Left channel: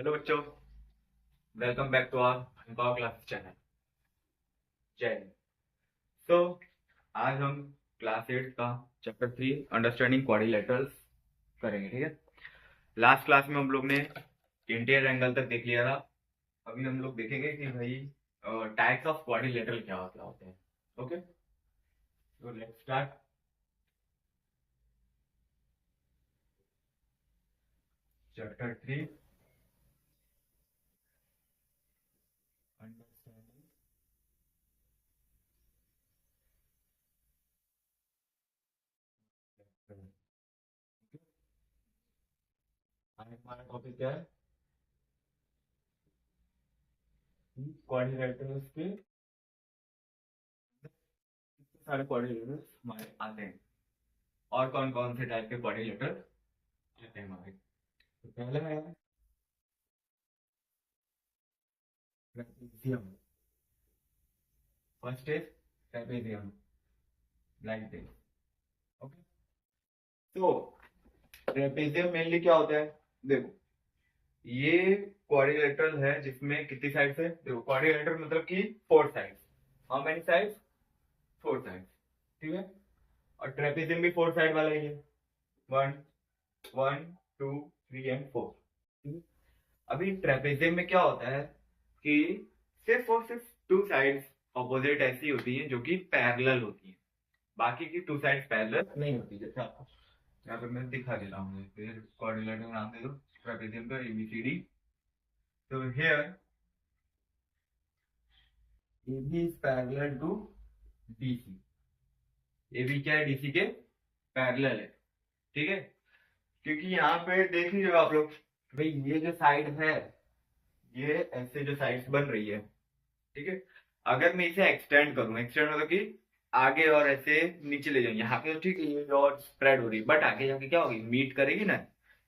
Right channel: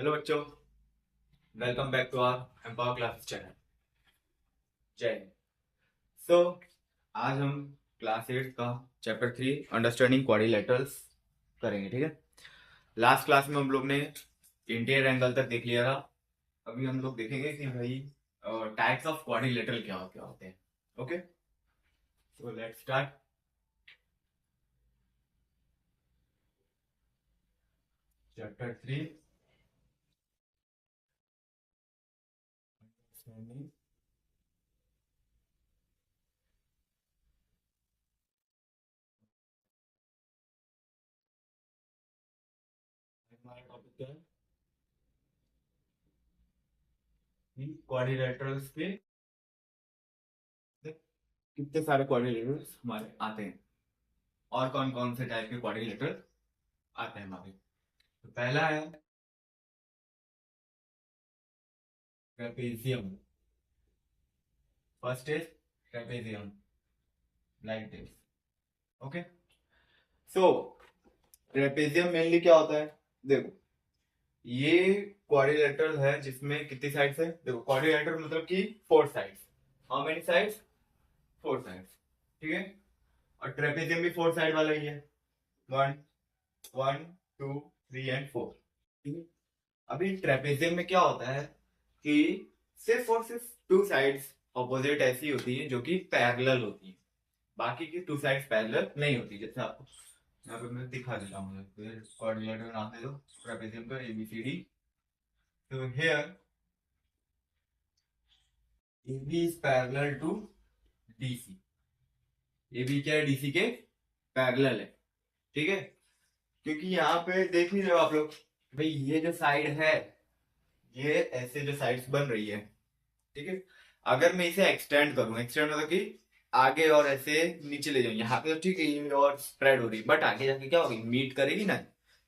Hello बच्चों, welcome back to our empower classes channel. जय हिंद। सो आज हम क्लास 8 का चैप्टर 3 अंडरस्टैंडिंग क्वाड्रिलेटरल्स करेंगे। ठीक है। लास्ट क्लास में हम लोग ने इंटीरियर एंगल तक देख लिया था। अभी हम लोग देखेंगे कि भाई टाइप्स ऑफ क्वाड्रिलेटरल क्या क्या होते हैं। Okay, so let's start. Chapter 3 understanding हमारा टॉपिक क्या है कि क्वाड्रिलेटरल्स के कितने सारे क्वाड्रिलेटरल्स हमारे आते हैं और कौन कौन से टाइप के क्वाड्रिलेटरल आते हैं हमारे। तो पहला है trapezium. First is trapezium, like this. Okay, so trapezium mainly क्या होता है? देखो, ये क्वाड्रिलेटरल है जिसमें कितनी साइड्स है। देखो, क्वाड्रिलेटरल मतलब कि four sides. How many sides? Four sides. ठीक है। और ट्रेपेजियम भी फोर साइड वाला ही है। One, one, two, three and four. ठीक है। अभी ट्रेपेजियम में क्या होता है कि सिर्फ और सिर्फ टू साइड्स ऑपोजिट ऐसी होती हैं जो कि पैरेलल होती हैं। बाकी की टू साइड्स पैरेलल नहीं होती। जैसे आपको यहाँ पे मैं दिखा देता हूँ, फिर कोऑर्डिनेटर का नाम दे दो ट्रेपेजियम का, ABCD। तो here AB is parallel to DC। AB क्या है? DC के पैरेलल है। ठीक है। क्योंकि यहाँ पे देख लीजिए आप लोग, भाई ये जो साइड है, ये ऐसे जो साइड्स बन रही है, ठीक है। अगर मैं इसे एक्सटेंड करूं, एक्सटेंड मतलब कि आगे और ऐसे नीचे ले जाऊं, यहाँ पे तो ठीक है ये और स्प्रेड हो रही है, बट आगे जाके क्या होगी? मीट करेगी ना,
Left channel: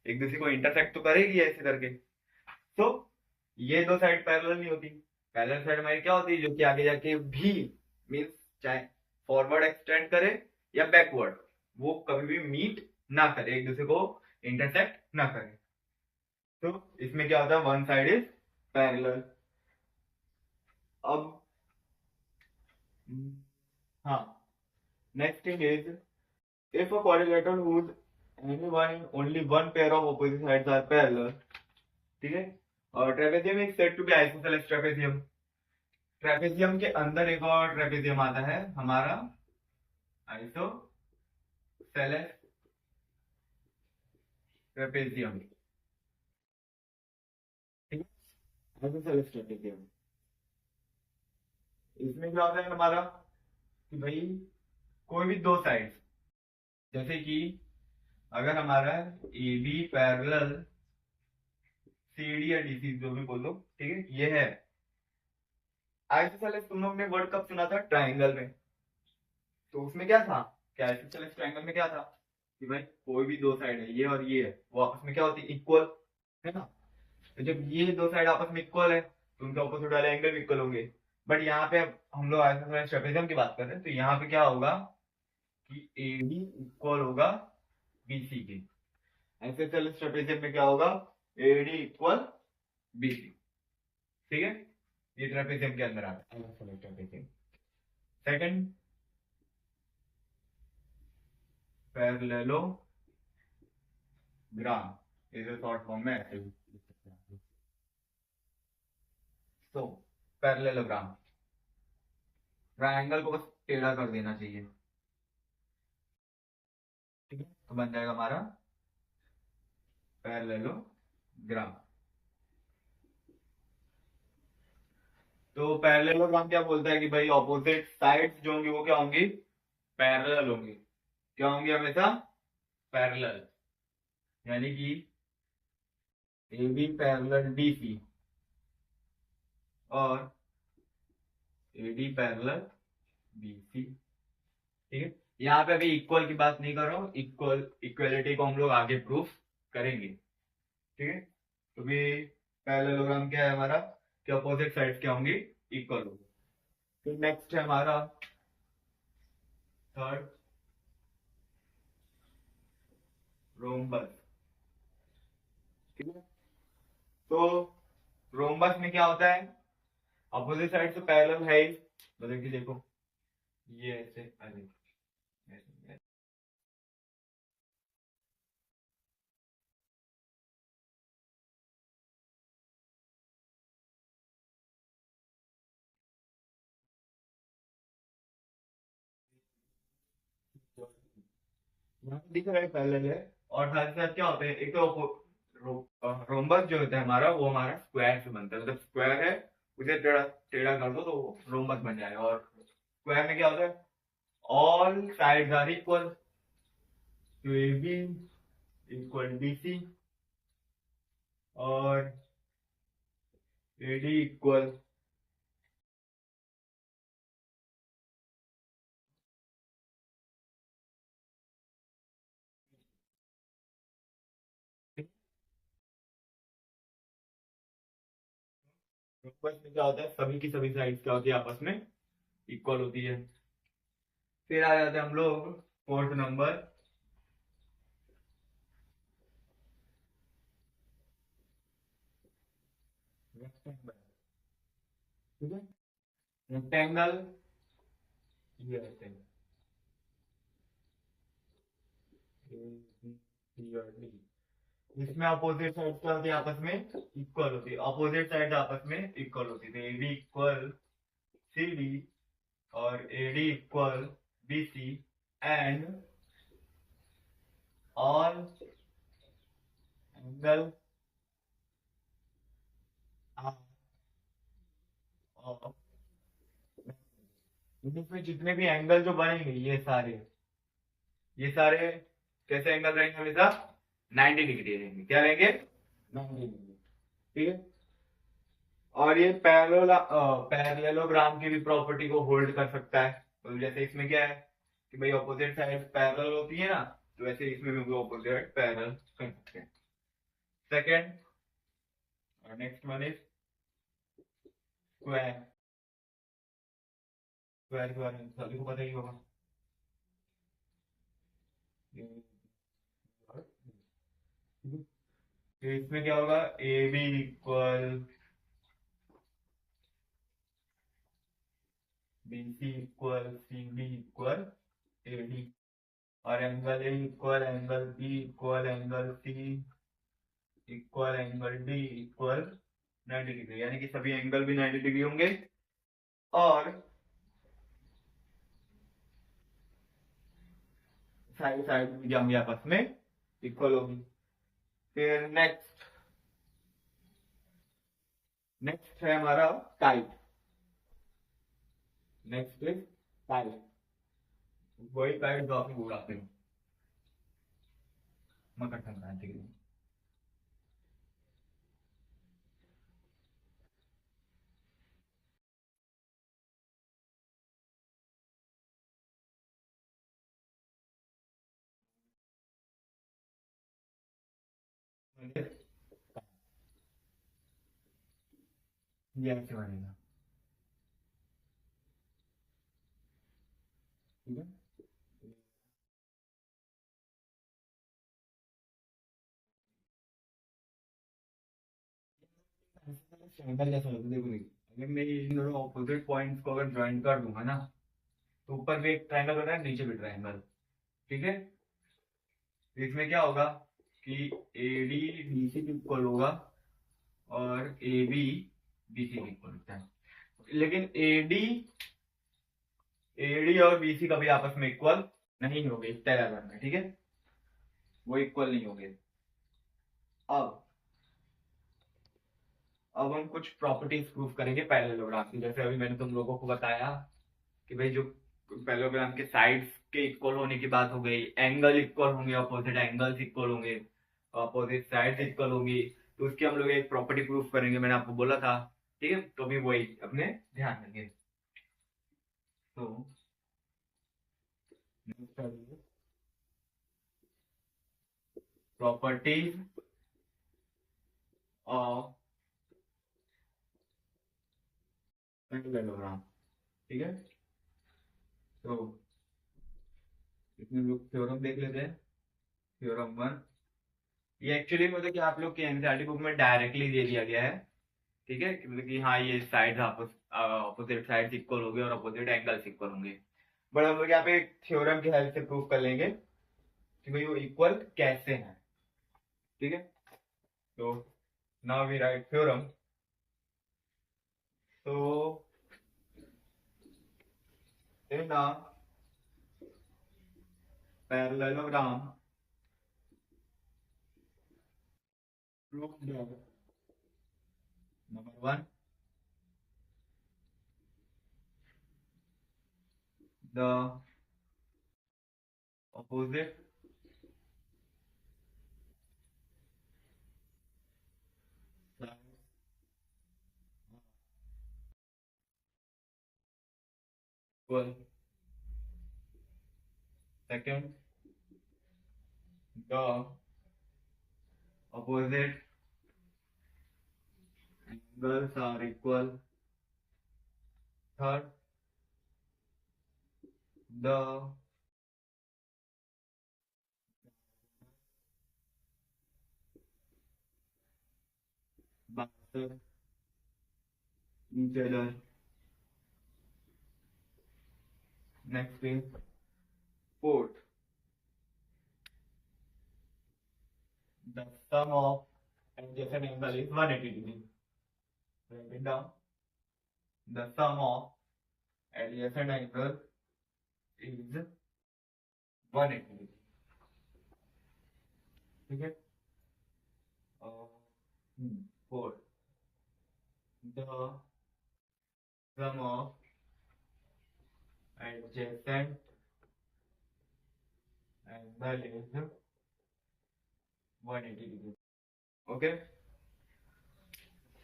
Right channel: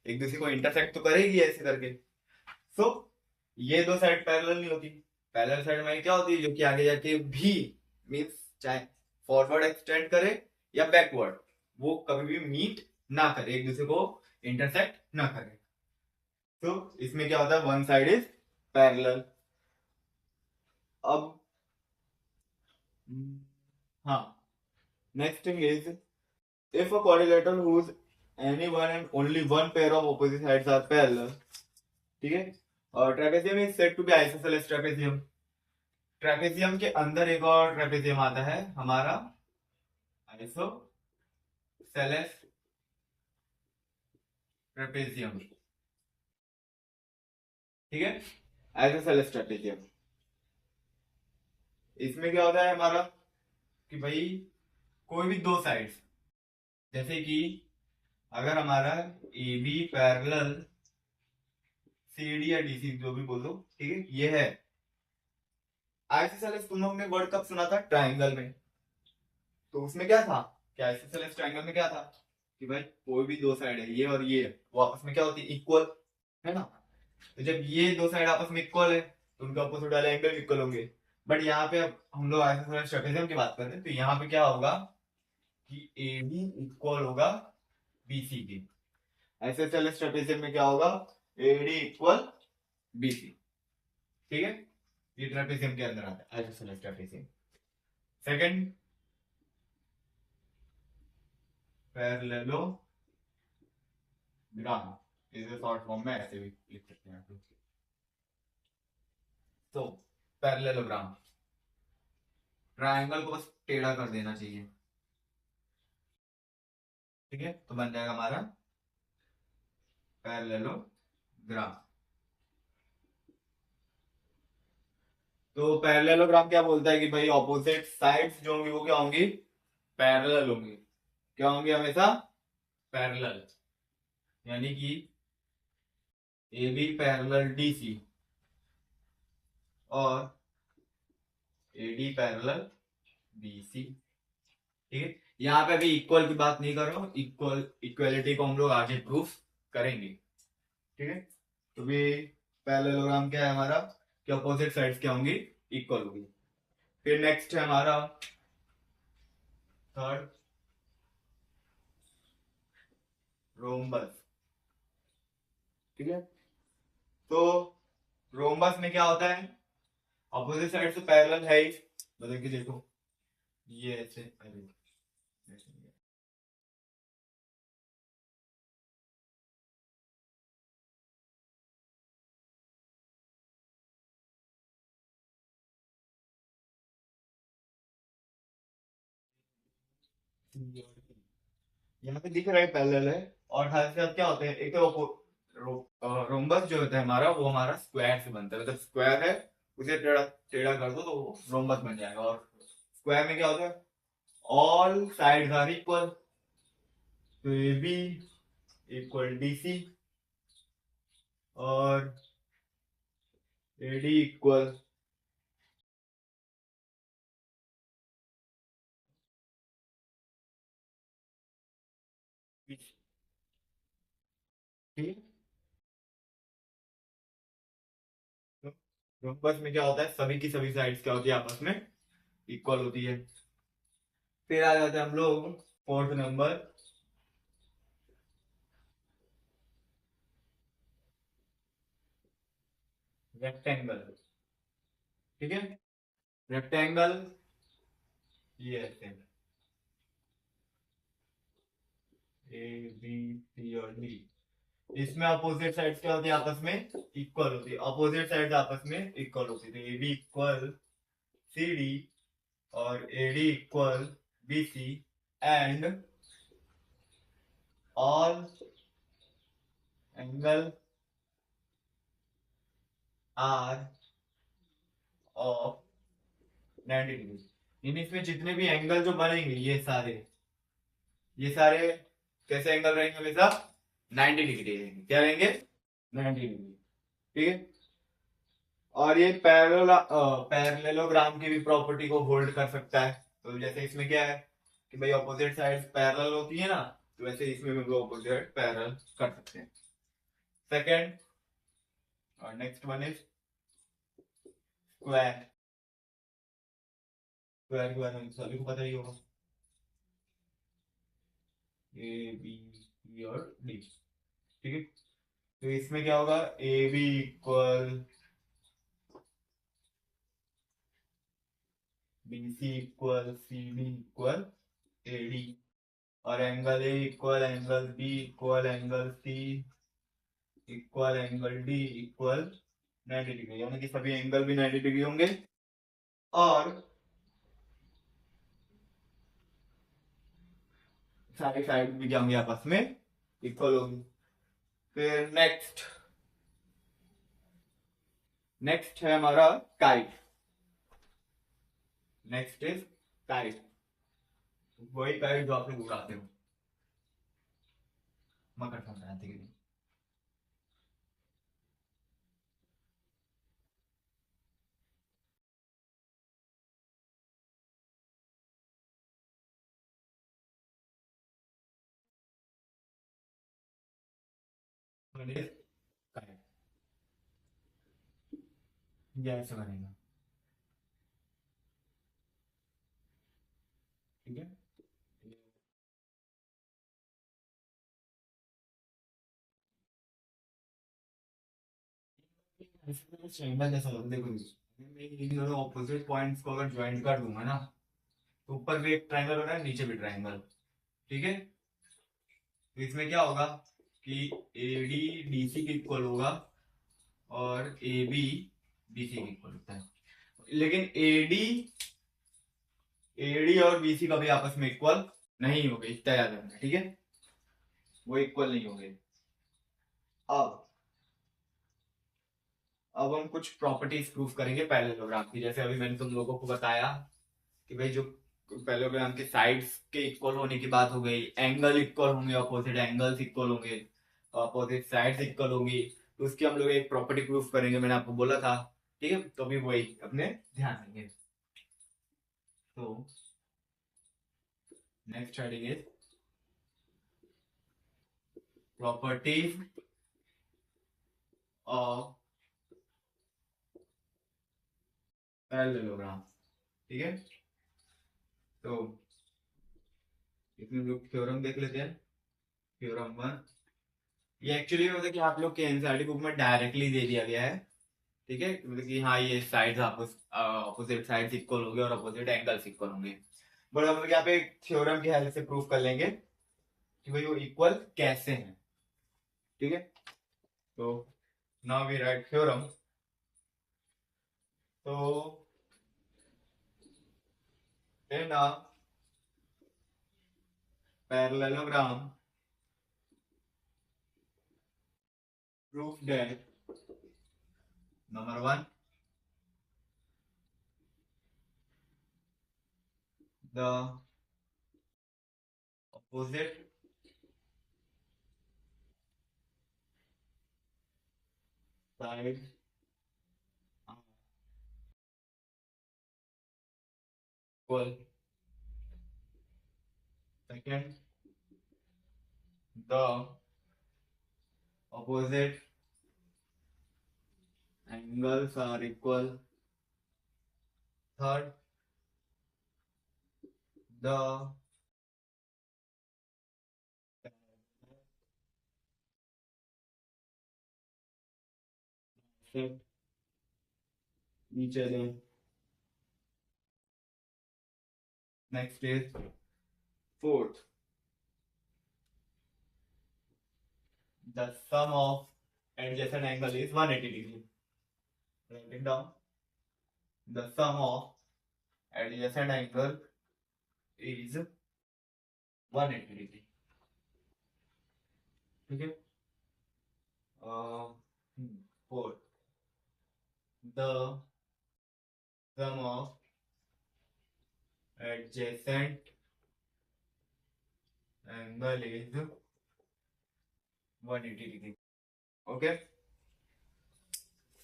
एक दूसरे को इंटरसेक्ट तो करेगी ऐसे करके। सो ये दो साइड पैरेलल नहीं होती। पैरेलल साइड में क्या होती है? जो कि आगे जाके भी मीन्स चाहे फॉरवर्ड एक्सटेंड करे या बैकवर्ड, वो कभी भी मीट ना करे, एक दूसरे को इंटरसेक्ट ना करे। तो इसमें क्या होता है? One side is parallel. अब हाँ, next thing is, if a quadrilateral whose any one and only one pair of opposite sides are parallel, ठीक है, और trapezium is said to be isosceles trapezium. Trapezium के अंदर एक और ट्रेपेजियम आता है हमारा, आइसोसेलेस ट्रेपेजियम। ठीक है, आइसोसेलेस ट्रेपेजियम। इसमें क्या होता है हमारा कि भाई कोई भी दो साइड्स, जैसे कि अगर हमारा AB पैरेलल CD या DC जो भी बोल दो, ठीक है, ये है आइसोसेलेस। तुम लोग ने वर्ड कब सुना था? ट्राइंगल में। तो उसमें क्या था? क्या आइसोसेलेस ट्राइंगल में क्या था कि भाई कोई भी दो साइड है, ये और ये है, वो आपस में क्या होती है? इक्वल, है ना। तो जब ये दो साइड आपस में इक्वल है तो उनके ऑपोजिट वाले एंगल इक्वल होंगे। बट यहाँ पे अब हम लोग आइसोसेलेस ट्रेपेजियम की बात कर रहे हैं, तो यहाँ पे क्या होगा कि AB इक्वल होगा BC के। आइसोसेलेस ट्रेपेजियम में क्या होगा? AD equal BC। ठीक है, ये ट्रेपेजियम के अंदर आता है आइसोसेलेस ट्रेपेजियम। सेकंड, पैरेललोग्राम, इसे शॉर्ट फॉर्म में ऐसे भी लिख सकते हैं आप। तो पैरेललोग्राम, ट्रायंगल को बस टेढ़ा कर देना चाहिए। ठीक है, तो बन जाएगा हमारा पैरेललोग्राम। तो पैरेललोग्राम क्या बोलता है कि भाई ऑपोजिट साइड्स जो होंगी वो क्या होंगी? पैरेलल होंगी। क्या होंगी? हमेशा पैरेलल। यानी कि AB पैरेलल DC और AD पैरेलल BC। ठीक है, यहाँ पे अभी इक्वल की बात नहीं कर रहा हूँ, इक्वलिटी को हम लोग आगे प्रूफ करेंगे। ठीक है, तो भी पैरेललोग्राम क्या है हमारा कि अपोजिट साइड्स क्या होंगी? इक्वल होंगी। फिर नेक्स्ट है हमारा थर्ड, रोम्बस। ठीक है, तो रोम्बस में क्या होता है, अपोजिट साइड तो पैरेलल है ही, मतलब कि देखो ये ऐसे यहाँ पे दिख रहा है पैरेलल है। और साथ ही साथ क्या होते हैं, एक तो रोम्बस जो होता है हमारा, वो हमारा स्क्वायर से बनता है, मतलब स्क्वायर है उसे टेढ़ा टेढ़ा कर दो तो रोम्बस बन जाएगा। और स्क्वायर में क्या होता है, ऑल साइड्स आर इक्वल, तो A B equal D C और ए डी इक्वल, ठीक है। रोम्बस में क्या होता है, सभी की सभी साइड्स क्या होती है, आपस में इक्वल होती है। फिर आ जाते हैं हम लोग फोर्थ नंबर, रेक्टेंगल। ठीक है, रेक्टेंगल ये ऐसे ए बी सी और डी, इसमें अपोजिट साइड्स क्या होती है, आपस में इक्वल होती है, अपोजिट साइड्स आपस में इक्वल होती है, तो A B equal C D और A D equal B C and all angle are of 90 degree. इन इसमें जितने भी एंगल जो बनेंगे ये सारे कैसे एंगल रहेंगे हमेशा, 90 डिग्री रहेंगे। क्या रहेंगे, 90 डिग्री। ठीक है, और ये पैरेललोग्राम की भी प्रॉपर्टी को होल्ड कर सकता है। तो जैसे इसमें क्या है कि भाई ऑपोजिट साइड पैरेलल होती है ना, तो वैसे इसमें भी ऑपोजिट पैरेलल कर सकते हैं। सेकेंड और next one is square. Square के बारे में सभी को पता ही होगा, ए बी सी और डी। ठीक है, तो इसमें क्या होगा, A B equal B C equal C D equal A D, और angle A equal angle B equal angle C equal angle D equal 90 degree, यानी कि सभी एंगल भी 90 डिग्री होंगे और सारी साइड भी क्या होंगी, आपस में इक्वल होगी। फिर नेक्स्ट नेक्स्ट है हमारा काइट। नेक्स्ट इज काइट, वही काइट जो आप लोग उड़ाते हो मकर संक्रांति के दिन। Kite, ये ऐसे बनेगा। ठीक है, ट्रायंगल जैसा होगा, देखो अगर मैं इन दोनों ऑपोजिट पॉइंट्स को अगर ज्वाइन कर दूंगा ना, तो ऊपर भी एक ट्रायंगल बना है, नीचे भी ट्रायंगल। ठीक है, तो इसमें क्या होगा कि ए डी डी सी के इक्वल होगा और ए बी बी सी के इक्वल होता है, लेकिन ए डी और बी सी कभी आपस में इक्वल नहीं होंगे, इतना याद रखना। ठीक है, वो इक्वल नहीं होंगे। अब अब हम कुछ प्रॉपर्टीज प्रूफ करेंगे पैरेललोग्राम की, जैसे अभी मैंने तुम लोगों को बताया कि भाई जो पैरेललोग्राम के साइड्स के इक्वल होने की बात हो गई, एंगल इक्वल होंगे, अपोजिट एंगल्स इक्वल होंगे, अपोजिट साइड्स इक्वल होंगी, तो उसकी हम लोग एक प्रॉपर्टी प्रूफ करेंगे, मैंने आपको बोला था। ठीक है, तो भी वही अपने ध्यान देंगे। तो next heading is properties of parallelogram. ठीक है, तो इसमें हम लोग थ्योरम देख लेते हैं। थ्योरम वन ये एक्चुअली मतलब कि आप लोग के एनसीईआरटी बुक में डायरेक्टली दे दिया गया है, ठीक है, कि मतलब कि हाँ ये साइड्स अपोजिट साइड्स इक्वल होंगे और अपोजिट एंगल्स इक्वल होंगे, बट हम लोग यहाँ पे थ्योरम की हेल्प से प्रूफ कर लेंगे कि भाई वो इक्वल कैसे हैं, ठीक है। तो नाउ वी राइट थ्योरम। तो in a parallelogram prove that number one, the opposite sides are equal. Second, the opposite angles are equal. Third, the bisect each other. Next is fourth, the sum of adjacent angle is 180 degree. Write it down. The sum of adjacent angle is 180 degree. ठीक है। Fourth, the sum of adjacent angle is 180 degree. Okay,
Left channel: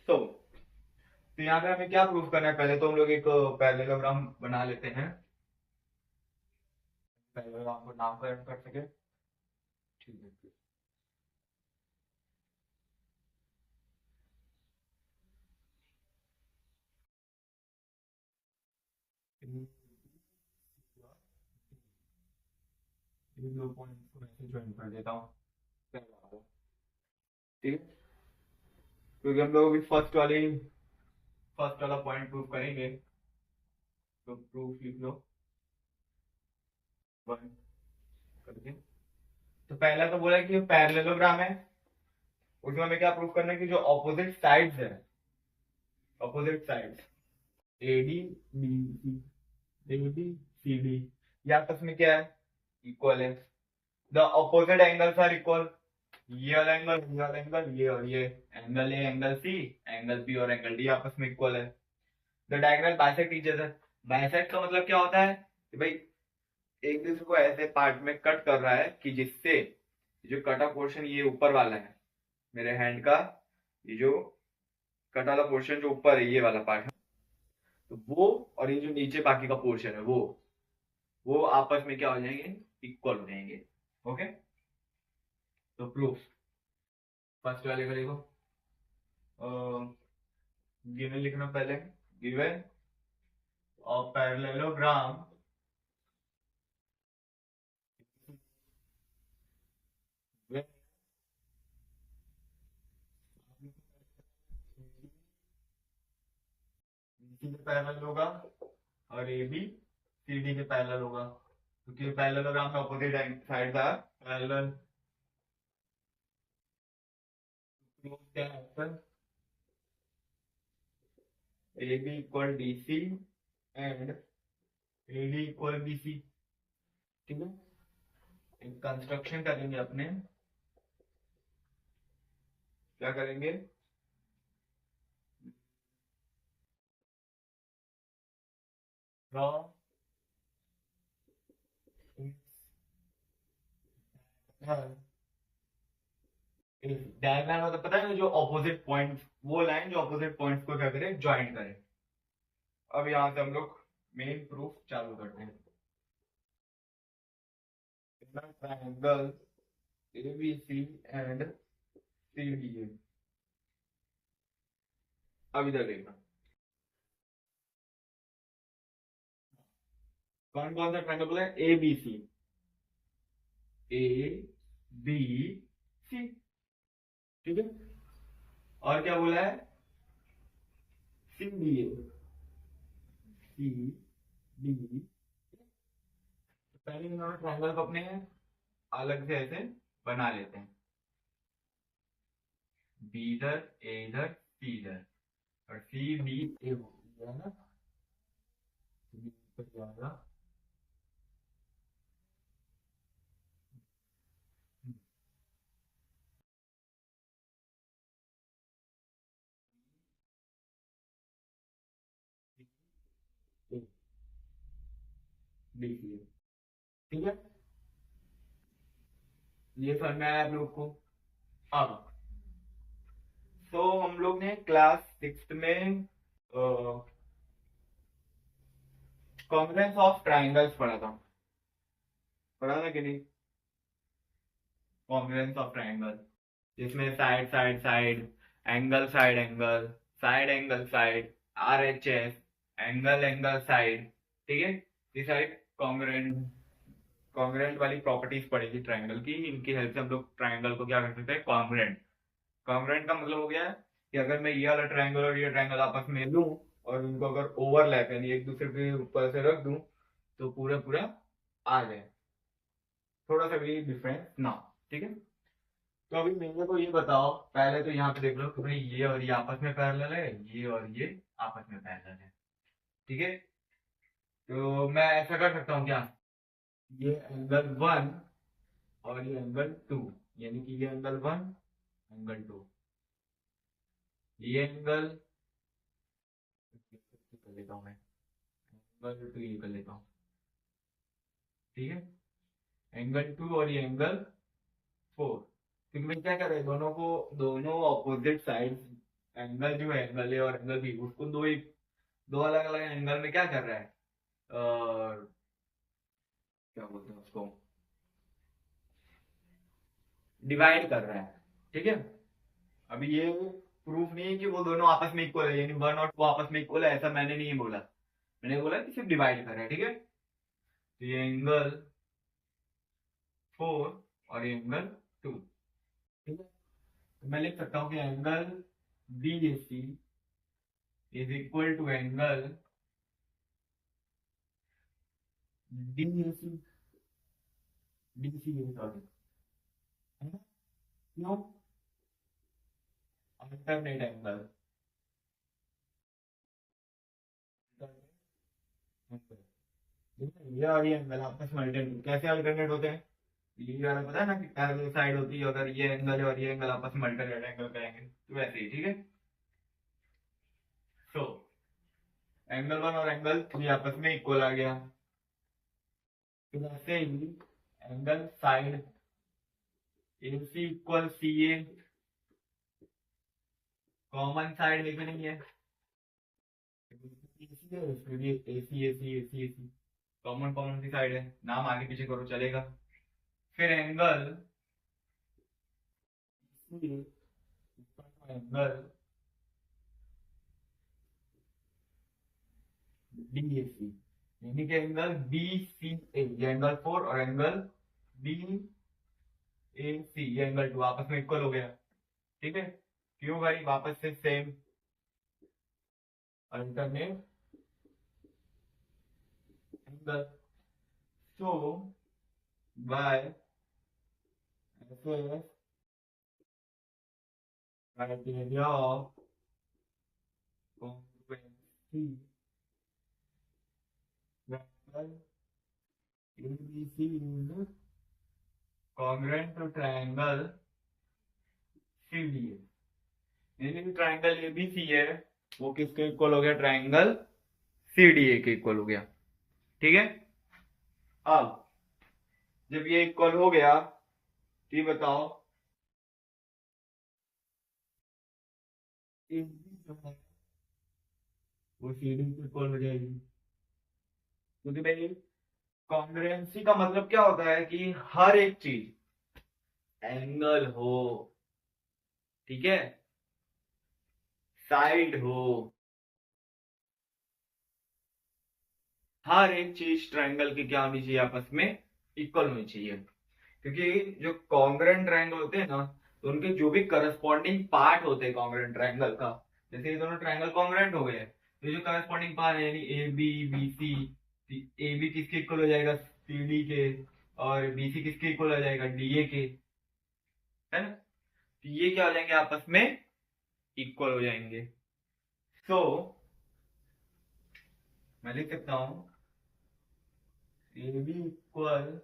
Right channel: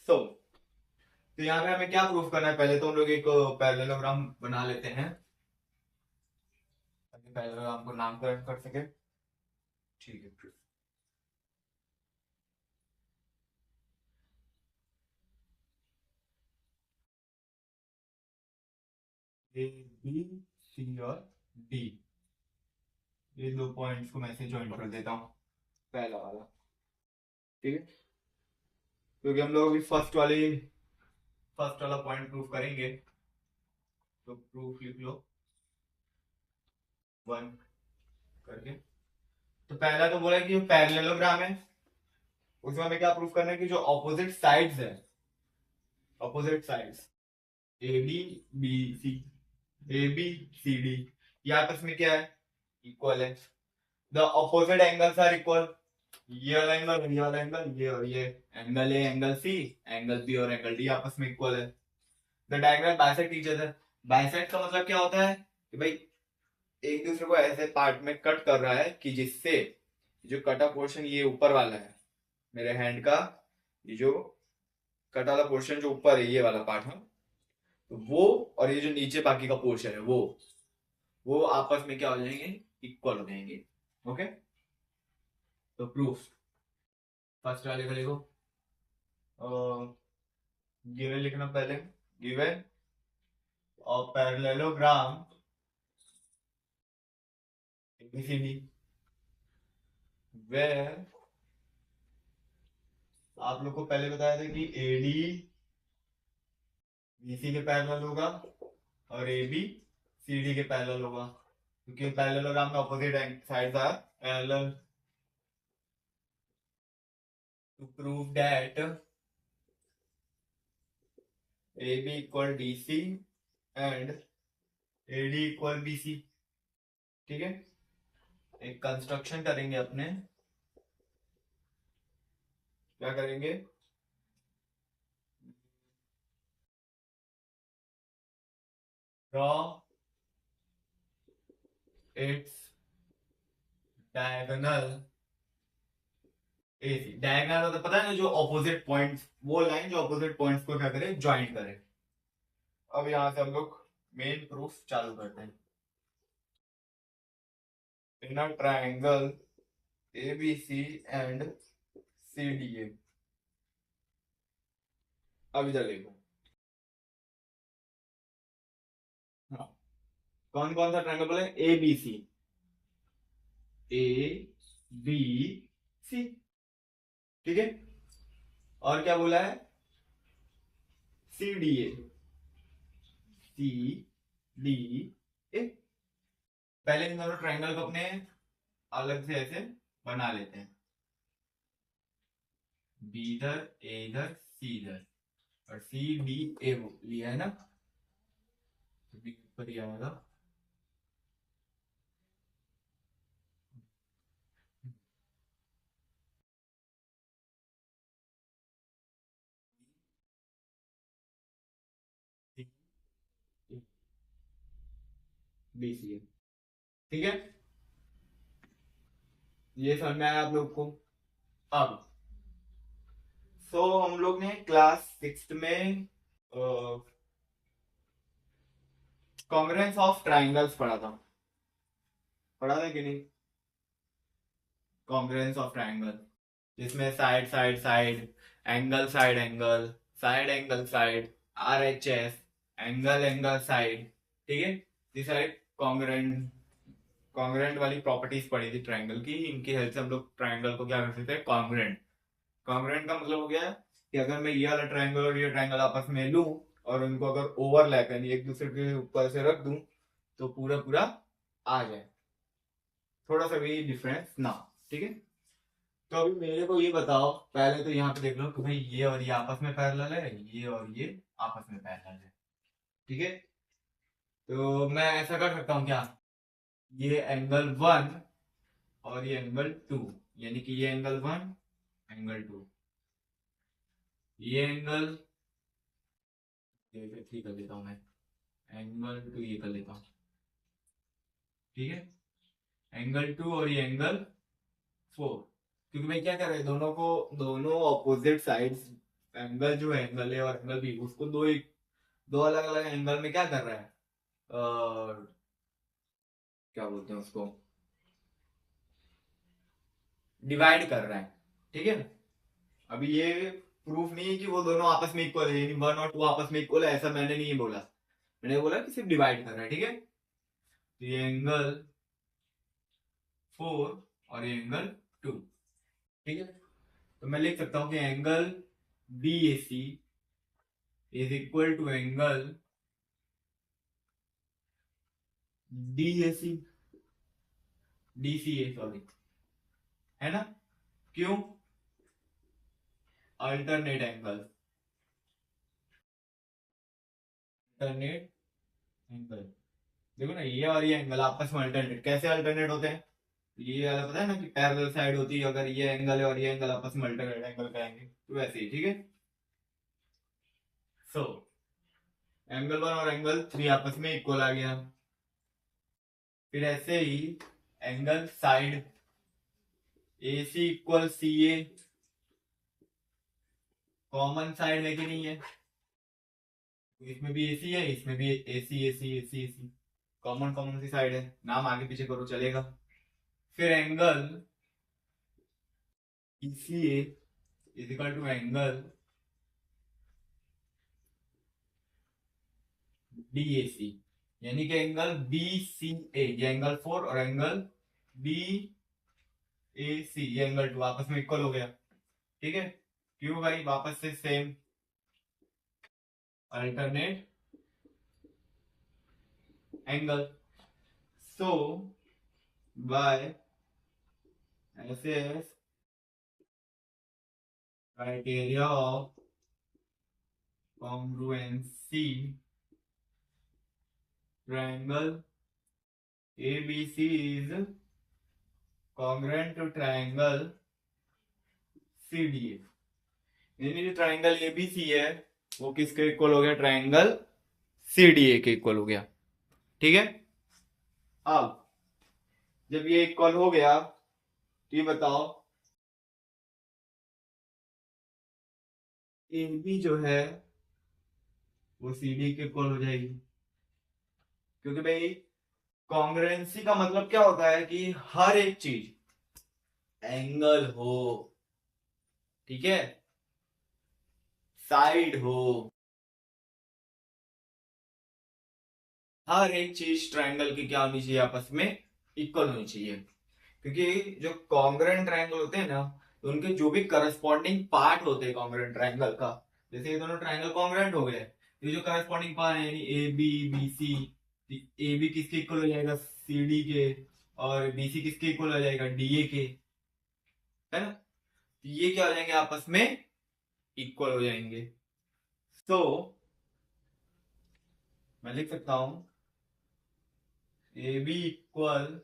तो यहाँ पे हमें क्या proof करना है, पहले तो हम लोग एक पैरेललोग्राम बना लेते हैं, पैरेललोग्राम को नामकरण कर सके, ठीक है। ए बी सी और डी, ये दो पॉइंट्स को मैं से ज्वाइन कर देता हूँ, पहला वाला, ठीक है, क्योंकि हम लोग अभी फर्स्ट वाला पॉइंट प्रूफ करेंगे, तो प्रूफ लिख लो 1 करके। तो पहला तो बोला कि पैरेललोग्राम है, उसमें हमें क्या प्रूफ करना है कि जो ऑपोजिट साइड्स है, opposite sides A D B C, A B C D, ये आपस में क्या है, इक्वल है। The opposite angles are equal, ये वाला एंगल, ये वाला एंगल, ये और ये angle A angle C, angle B और एंगल डी आपस में इक्वल है। The diagonal bisect each other, bisect का मतलब क्या होता है कि भाई एक दूसरे को ऐसे पार्ट में कट कर रहा है कि जिससे जो कटा पोर्शन ये ऊपर वाला है मेरे हैंड का, ये जो कटा वाला पोर्शन जो ऊपर है ये वाला पार्ट है, तो वो और ये जो नीचे बाकी का पोर्शन है वो आपस में क्या हो जाएंगे, इक्वल हो जाएंगे। ओके, तो प्रूफ फर्स्ट वाले को लिखो, गिवन लिखना पहले, गिवन और पैरेललोग्राम ABCD where आप लोग को पहले बताया था कि AD BC के पैरेलल होगा और AB CD के पैरेलल होगा, क्योंकि पैरेललोग्राम में opposite sides are parallel. To prove that AB equal DC and AD equal BC, ठीक है, एक कंस्ट्रक्शन करेंगे अपने, क्या करेंगे, draw its diagonal AC, diagonal मतलब पता है ना, जो ऑपोजिट पॉइंट्स, वो लाइन जो ऑपोजिट पॉइंट्स को क्या करे, ज्वाइन करे। अब यहां से हम लोग मेन प्रूफ चालू करते हैं। In a triangle ABC and CDA, अब इधर देखना, हाँ, कौन कौन सा ट्रायंगल बोले, ABC, A B C, ठीक है। और क्या बोला है, सी डी ए, सी डी ए। पहले इन दोनों ट्रायंगल को अपने अलग से ऐसे बना लेते हैं, बी इधर, ए इधर, सी इधर, और सी डी ए लिया है ना, तो बी ऊपर ही आएगा। बी सी ए, ठीक है। ये समझ में आया आप लोग को। अब हम लोग ने क्लास 6 में कॉन्ग्रुएंस ऑफ ट्राइंगल्स पढ़ा था कि नहीं, कॉन्ग्रुएंस ऑफ ट्राइंगल, जिसमें side side side, angle side angle, side angle side, R H S, angle angle side, ठीक है। ये सारे कॉन्ग्रुएंट कॉन्ग्रुएंट वाली प्रॉपर्टीज पढ़ी थी ट्राइंगल की। इनकी हेल्प से हम लोग ट्राइंगल को क्या कर सकते हैं, कॉन्ग्रुएंट। कॉन्ग्रुएंट का मतलब हो गया कि अगर मैं ये वाला ट्राइंगल और ये ट्राइंगल आपस में लूं और उनको अगर ओवरलैप यानी एक दूसरे के ऊपर से रख दूं तो पूरा पूरा आ जाए, थोड़ा सा भी डिफरेंस ना, ठीक है। तो अभी मेरे को ये बताओ, पहले तो यहाँ पे देख लो कि भाई ये और ये आपस में पैरेलल है, ये और ये आपस में पैरेलल है, ठीक है। तो मैं ऐसा कर सकता हूँ क्या, ये एंगल 1 और ये एंगल 2, यानी कि ये एंगल 1 एंगल 2, ये एंगल ठीक कर लेता हूँ मैं, एंगल 2 ये कर लेता हूँ, ठीक है। एंगल 2 और ये एंगल 4, क्योंकि मैं क्या कर रहा है, दोनों ऑपोजिट साइड्स, एंगल जो है एंगल ए और एंगल बी, उसको दो अलग अलग एंगल में क्या कर रहा है, क्या बोलते हैं उसको, डिवाइड कर रहा है, ठीक है। अभी ये प्रूफ नहीं है कि वो दोनों आपस में इक्वल है, यानी 1 और 2 आपस में इक्वल है, ऐसा मैंने नहीं बोला। मैंने बोला कि सिर्फ डिवाइड कर रहा है, ठीक है। तो ये एंगल 4 और ये एंगल 2, ठीक है। तो मैं लिख सकता हूं कि angle B A C is equal to angle D A C, D C A sorry, है ना। क्यों, अल्टरनेट एंगल, अल्टरनेट एंगल। देखो ना, ये और ये एंगल आपस में अल्टरनेट, कैसे अल्टरनेट होते हैं, ये वाला पता है ना कि पैरेलल साइड होती है, अगर ये एंगल है और ये एंगल आपस में अल्टरनेट एंगल कहेंगे, तो वैसे ही, ठीक है। सो एंगल 1 और एंगल 3 आपस में इक्वल आ गया। फिर ऐसे ही angle side A C equal C A, common side लेके नहीं है, इसमें भी एसी है, इसमें भी AC AC AC AC, common common C side है, नाम आगे पीछे करो चलेगा। फिर angle ECA is equal to angle DAC, यानी कि एंगल BCA, ये एंगल 4 और एंगल BAC ये एंगल 2 आपस में इक्वल हो गया, ठीक है। क्यों भाई, वापस से same alternate angle. So by SS criteria of congruency, triangle ABC is congruent to triangle CDA, यानी जो ट्राइंगल ABC है वो किसके इक्वल हो गया, ट्राइंगल CDA के इक्वल हो गया, ठीक है। अब जब ये इक्वल हो गया तो ये बताओ AB जो है वो CD के इक्वल हो जाएगी, क्योंकि भाई कॉन्ग्रुएंसी का मतलब क्या होता है कि हर एक चीज, एंगल हो, ठीक है, साइड हो, हर एक चीज ट्रायंगल की क्या होनी चाहिए, आपस में इक्वल होनी चाहिए। क्योंकि जो कॉन्ग्रुएंट ट्रायंगल होते हैं ना, तो उनके जो भी करस्पॉन्डिंग पार्ट होते हैं कॉन्ग्रुएंट ट्रायंगल का, जैसे ये दोनों ट्रायंगल कॉन्ग्रुएंट हो गए, तो जो करस्पॉन्डिंग पार्ट है यानी A B B C, A B किसके इक्वल हो जाएगा सी डी के, और बी सी किसके इक्वल हो जाएगा डी ए के, है ना। तो ये क्या हो जाएंगे आपस में इक्वल हो जाएंगे। तो मैं लिख सकता हूं A B equal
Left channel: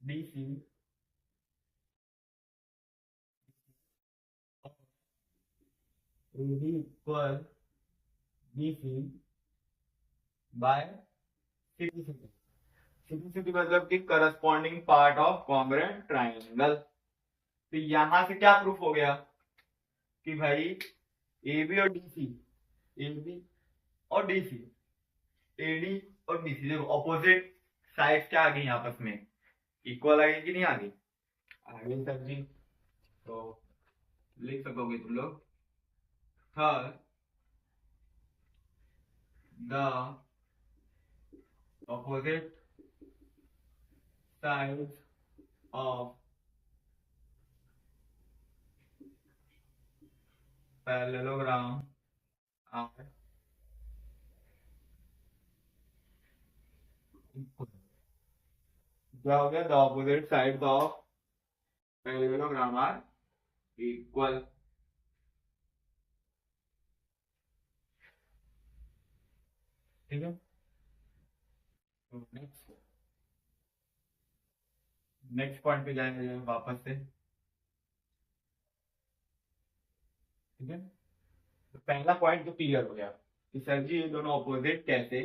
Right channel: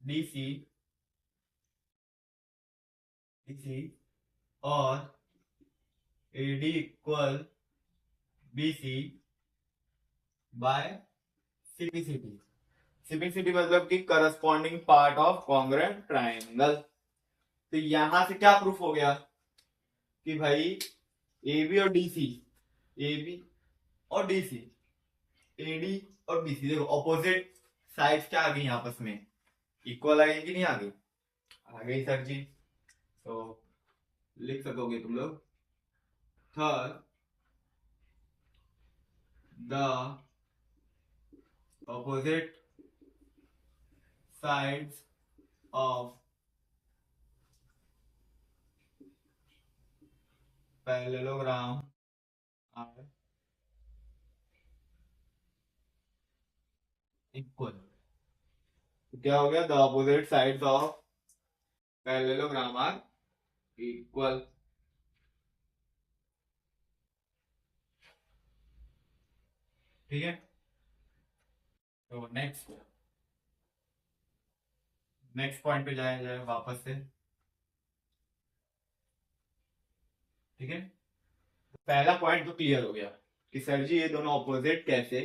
D C, D C, और A D equal B C by CPCT. CPCT मतलब कि corresponding part of congruent triangle. तो यहां से क्या प्रूफ हो गया कि भाई ए बी और डी सी, ए बी और डी सी, ए डी और बी सी, देखो ऑपोजिट साइड्स क्या आ गई आपस में इक्वल आ गई कि नहीं आ गई, आ गई सर जी। तो लिख सकोगे तुम लोग, third the opposite sides of parallelogram are equal। क्या हो गया, the opposite sides of parallelogram are equal. ठीक है, तो नेक्स्ट पॉइंट पे जाए जाए वापस से। ठीक है, तो पहला पॉइंट तो क्लियर हो गया कि सर जी ये दोनों ऑपोजिट कैसे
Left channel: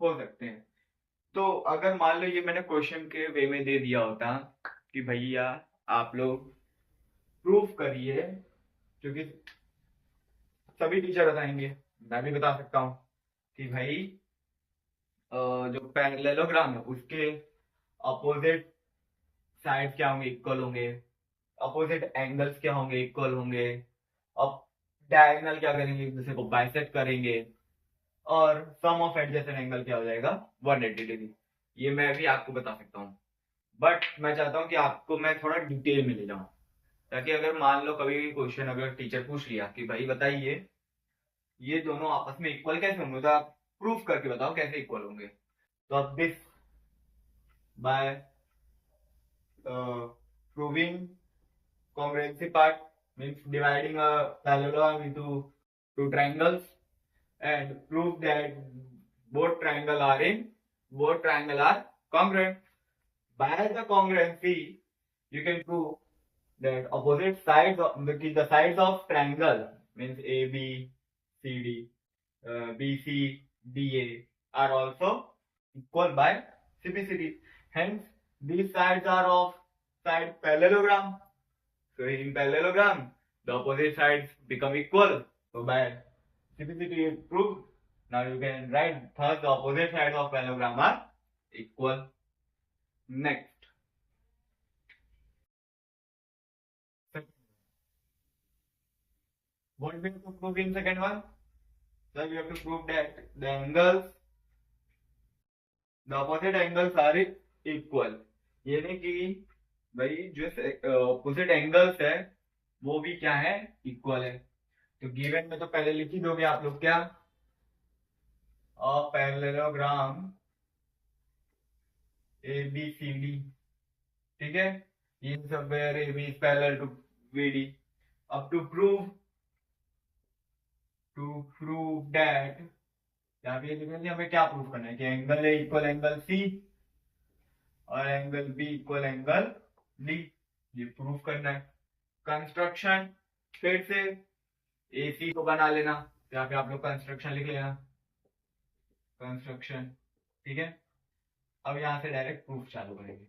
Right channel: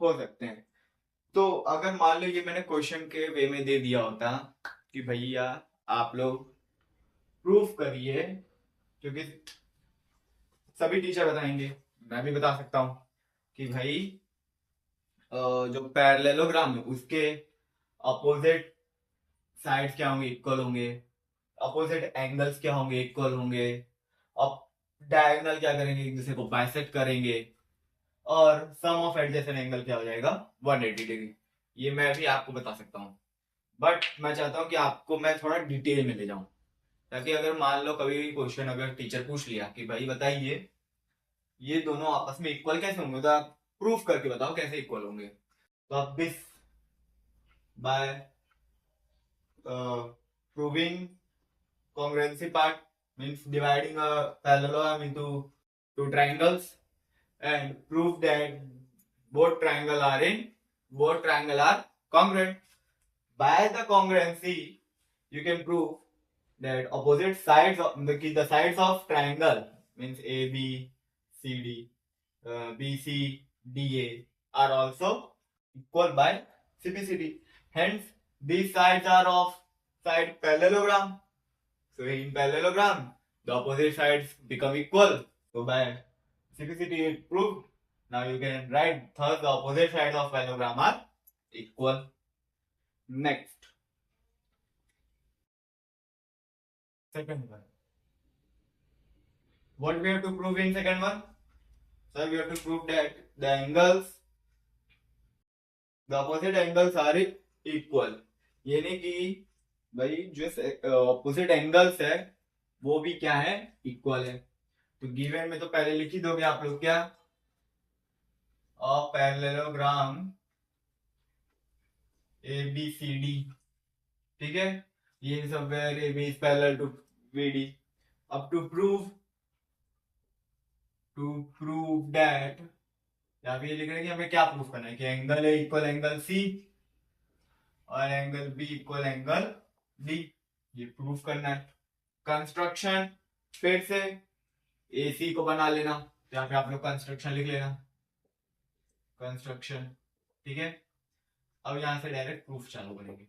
हो सकते हैं। तो अगर मान लो ये मैंने क्वेश्चन के वे में दे दिया होता कि भैया आप लोग प्रूफ करिए, क्योंकि सभी टीचर बताएंगे, मैं भी बता सकता हूं कि भाई जो पैरेललोग्राम है उसके अपोजिट साइड्स क्या होंगे इक्वल होंगे, अपोजिट एंगल्स क्या होंगे इक्वल होंगे, अब डायगोनल क्या करेंगे एक दूसरे को बाइसेक्ट करेंगे, और सम ऑफ एडजेसेंट एंगल क्या हो जाएगा 180 डिग्री। ये मैं भी आपको बता सकता हूँ, बट मैं चाहता हूँ कि आपको मैं थोड़ा डिटेल में ले जाऊं, ताकि अगर मान लो कभी भी क्वेश्चन अगर टीचर पूछ लिया कि भाई बताइए ये दोनों आपस में इक्वल कैसे होंगे, तो आप प्रूफ करके बताओ कैसे इक्वल होंगे। तो अब this by proving congruency part means dividing a parallelogram into two triangles, and prove that both triangle are congruent. By the congruency you can prove that opposite sides of the sides of triangle means AB, CD, BC, DA are also equal by CPCD. Hence, these sides are of side parallelogram. So in parallelogram, the opposite sides become equal. So by CPCD it proved. Now you can write thus the opposite sides of parallelogram are equal. Next, second one. What we have to prove in second one? So we have to prove that the angles, the opposite angles are equal. यानी कि भाई जो opposite angles है वो भी क्या है equal है। तो गिवन में तो पहले लिख ही दोगे आप लोग क्या, a parallelogram A B C D. ठीक है, ये सब where A B is parallel to B D. अब टू प्रूव दैट, यहाँ पे ये लिख रहे हैं कि हमें क्या प्रूव करना है कि angle A equal angle C और angle B equal angle D, ये प्रूफ करना है। कंस्ट्रक्शन फिर से एसी को बना लेना, यहाँ पे आप लोग कंस्ट्रक्शन लिख लेना, कंस्ट्रक्शन। ठीक है, अब यहां से डायरेक्ट प्रूफ चालू करेंगे।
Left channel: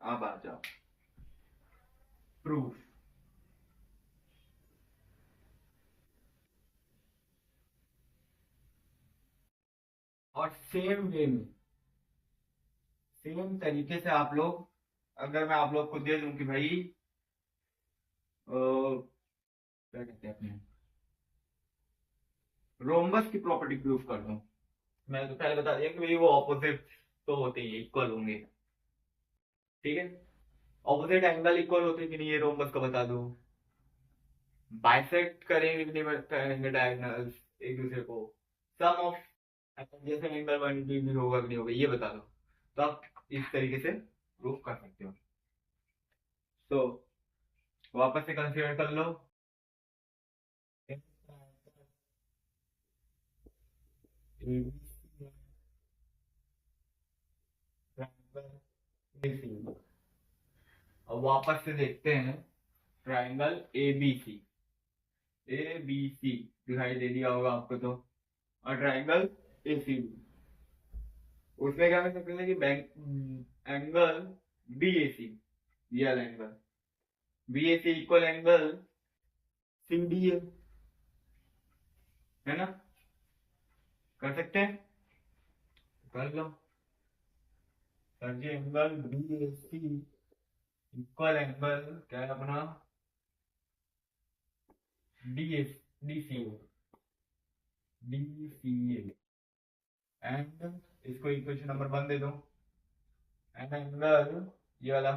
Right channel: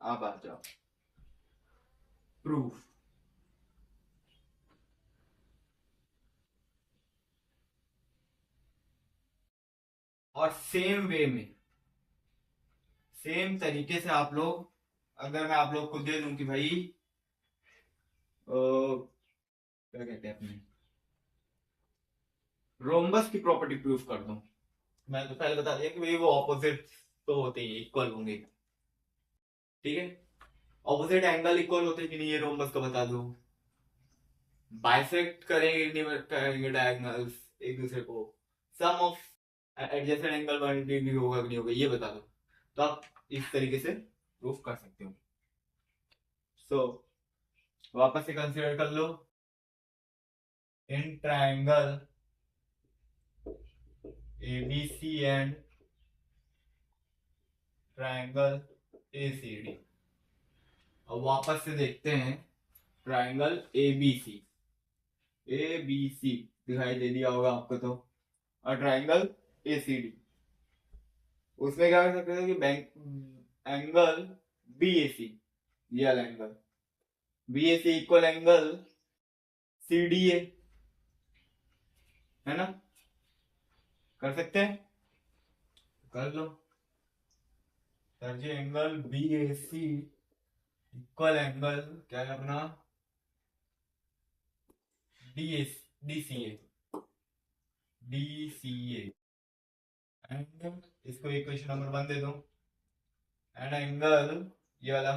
अब आ जाओ प्रूफ। और सेम वे में सेम तरीके से आप लोग, अगर मैं आप लोग को दे दूं कि भाई क्या कहते हैं अपने रोम्बस की प्रॉपर्टी प्रूफ कर दूं, मैं तो पहले बता दिया कि भाई वो ऑपोजिट तो होते ही इक्वल होंगे। ठीक है, ऑपोजिट एंगल इक्वल होते कि नहीं, ये रोम्बस का बता दो। बाइसेक्ट करेंगे नहीं करेंगे डायगोनल्स एक दूसरे को, सम ऑफ एडजेसेंट एंगल 180 होगा कि नहीं होगा, ये बता दो। तो आप इस तरीके से प्रूफ कर सकते हो। सो वापस से कंसीडर कर लो, in triangle ABC and triangle ACD. अब वापस से देखते हैं ट्राइंगल एबीसी, एबीसी दिखाई दे दिया होगा आपको तो, और ट्राइंगल एसीडी, उसमें क्या कर सकते थे कि बैंक एंगल बीएसी, ये वाला angle BAC equal angle CDA, है ना, कर सकते हैं, कर लो। Sir ji angle BAC equal angle क्या है अपना, डीएस डीसीए, डीसीए एंड इसको इक्वेशन नंबर 1 दे दो, एंड एंगल ये वाला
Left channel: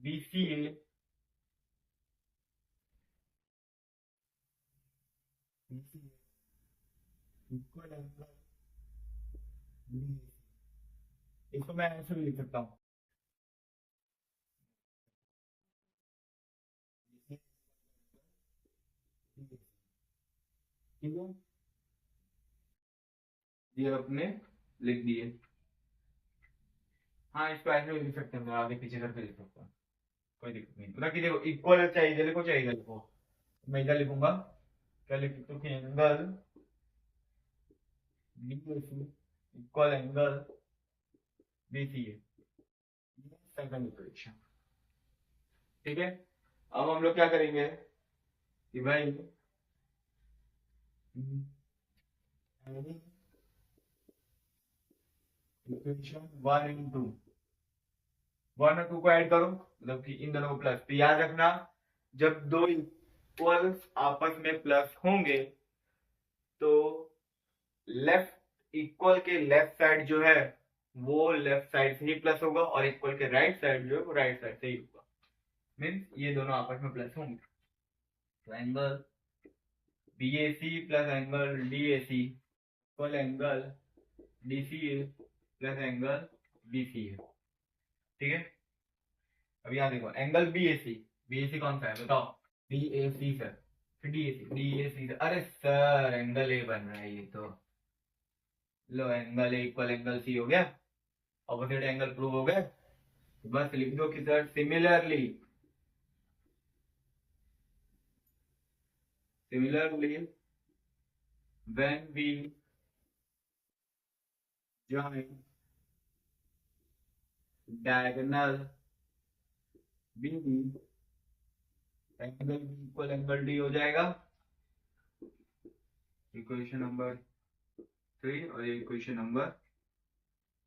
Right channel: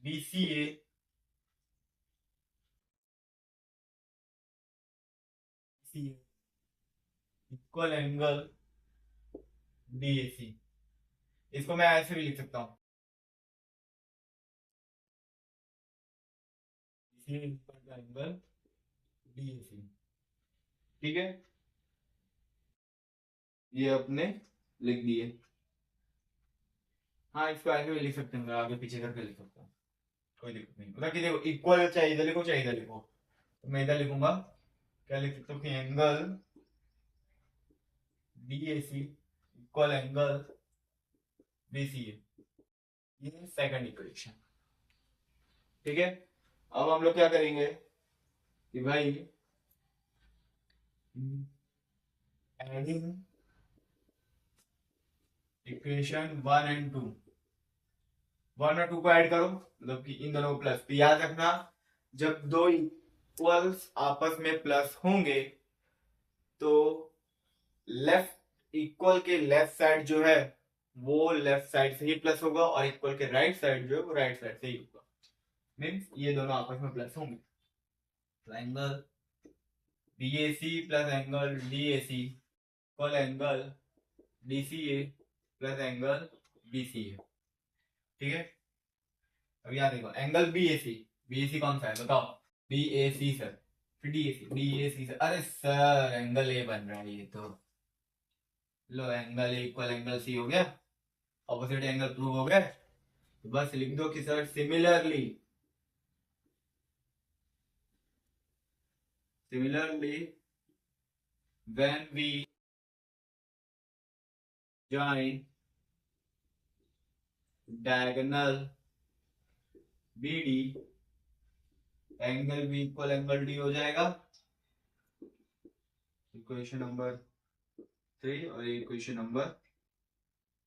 BCA BCA equal angle DAC. इसको मैं ऐसे भी लिख सकता हूँ, बीसीए इक्वल एंगल डीएसी, ठीक है, ये अपने लिख दिए। हाँ इसको ऐसे भी लिख सकते हैं, आगे पीछे करके लिख सकता हूँ, कोई दिक्कत नहीं। मतलब कि देखो इक्वल चाहिए इधर लिखो, चाहिए इधर लिखो, तो मैं इधर लिखूंगा, क्या लिख सकता हूँ कि angle BAC equal angle BCA, ये सेकंड इक्वेशन, ठीक है। अब हम लोग क्या करेंगे कि भाई एडिंग इक्वेशन 1 और 2, 1 और 2 को ऐड करो, मतलब कि इन दोनों को प्लस। तो याद रखना जब दो इक्वल्स आपस में प्लस होंगे तो लेफ्ट इक्वल के लेफ्ट साइड जो है वो लेफ्ट साइड से ही प्लस होगा, और इक्वल के राइट साइड जो है वो राइट साइड से ही होगा, मीन्स ये दोनों आपस में प्लस होंगे। तो angle BAC plus angle DAC equal angle DCA plus angle BCA, ठीक है। अब यहाँ देखो एंगल बीएसी, बीएसी कौन सा है बताओ, बीएसी सर, फिर डीएसी, डीएसी सर, अरे सर एंगल ए बन रहा है ये तो, लो angle A equal angle C हो गया, ऑपोजिट एंगल प्रूव हो गए। तो बस लिख दो कि sir similarly, similarly when we join diagonal BD, angle B equal angle D हो जाएगा, इक्वेशन नंबर 3 और इक्वेशन नंबर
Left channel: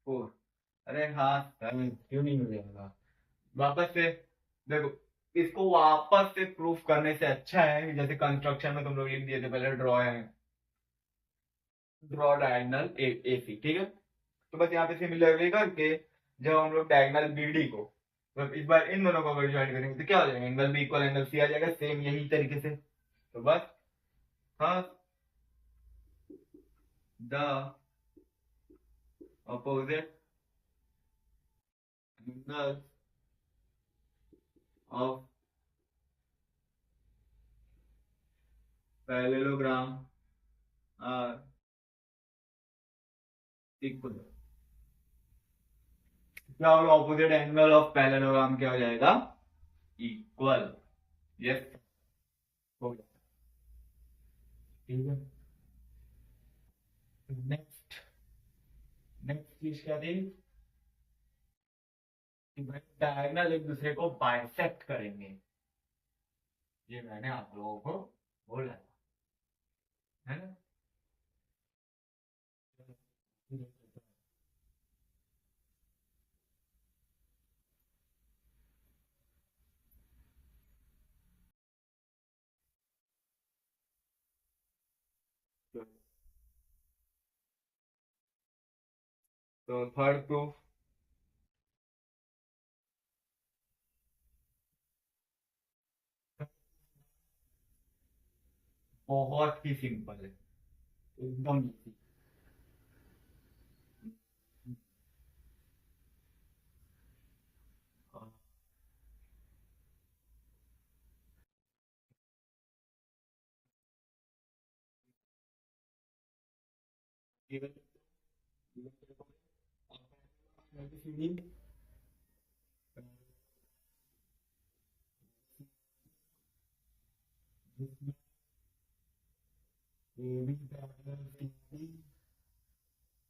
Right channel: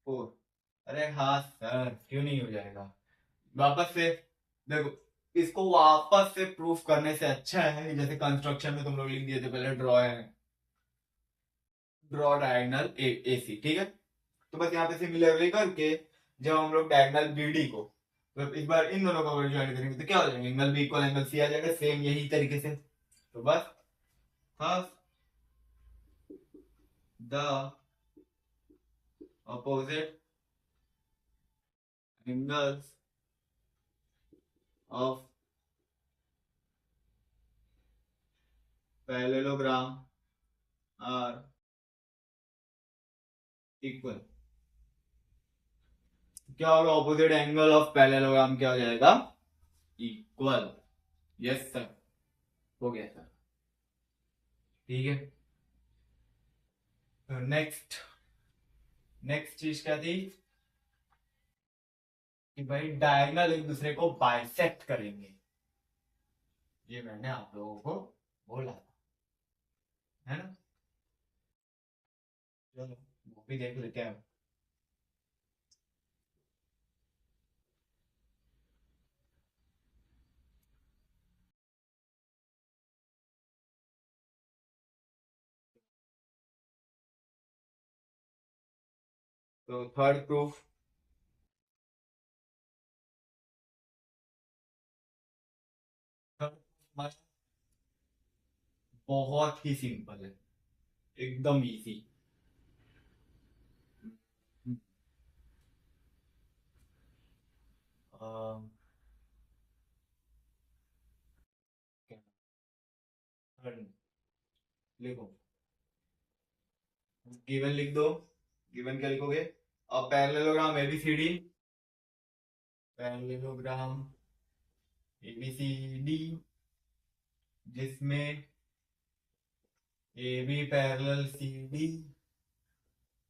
4। अरे हाँ सर क्यों नहीं हो जाएगा, वापस से देखो, इसको वापस से प्रूफ करने से अच्छा है जैसे कंस्ट्रक्शन में तुम लोग लिख दिए थे पहले, ड्रॉ है, ड्रॉ डायगोनल एसी, ठीक है। तो बस यहाँ पे सिमिलरली करके जब हम लोग डायगोनल बीडी को, तो इस बार इन दोनों को ज्वाइन करेंगे तो क्या हो जाएगा, angle B equal angle C आ जाएगा, सेम यही तरीके से। तो बस हाँ, the opposite angles of parallelogram are equal, क्या होगा, ऑपोजिट एंगल ऑफ पैरेललोग्राम क्या हो जाएगा, इक्वल। यस सर, हो गया सर, ठीक है। तो नेक्स्ट नेक्स्ट चीज क्या थी कि भाई डायगोनल एक दूसरे को बाइसेक्ट करेंगे, ये मैंने आप लोगों को बोला था, है ना। चलो वो भी देख लेते हैं। तो थर्ड प्रूफ, बहुत ही सिंपल है, एकदम इजी। लिखो, गिवन लिख दो। गिवन क्या लिखोगे? अब पैरेललोग्राम एबीसीडी, पैरेललोग्राम एबीसीडी जिसमें A B parallel C D,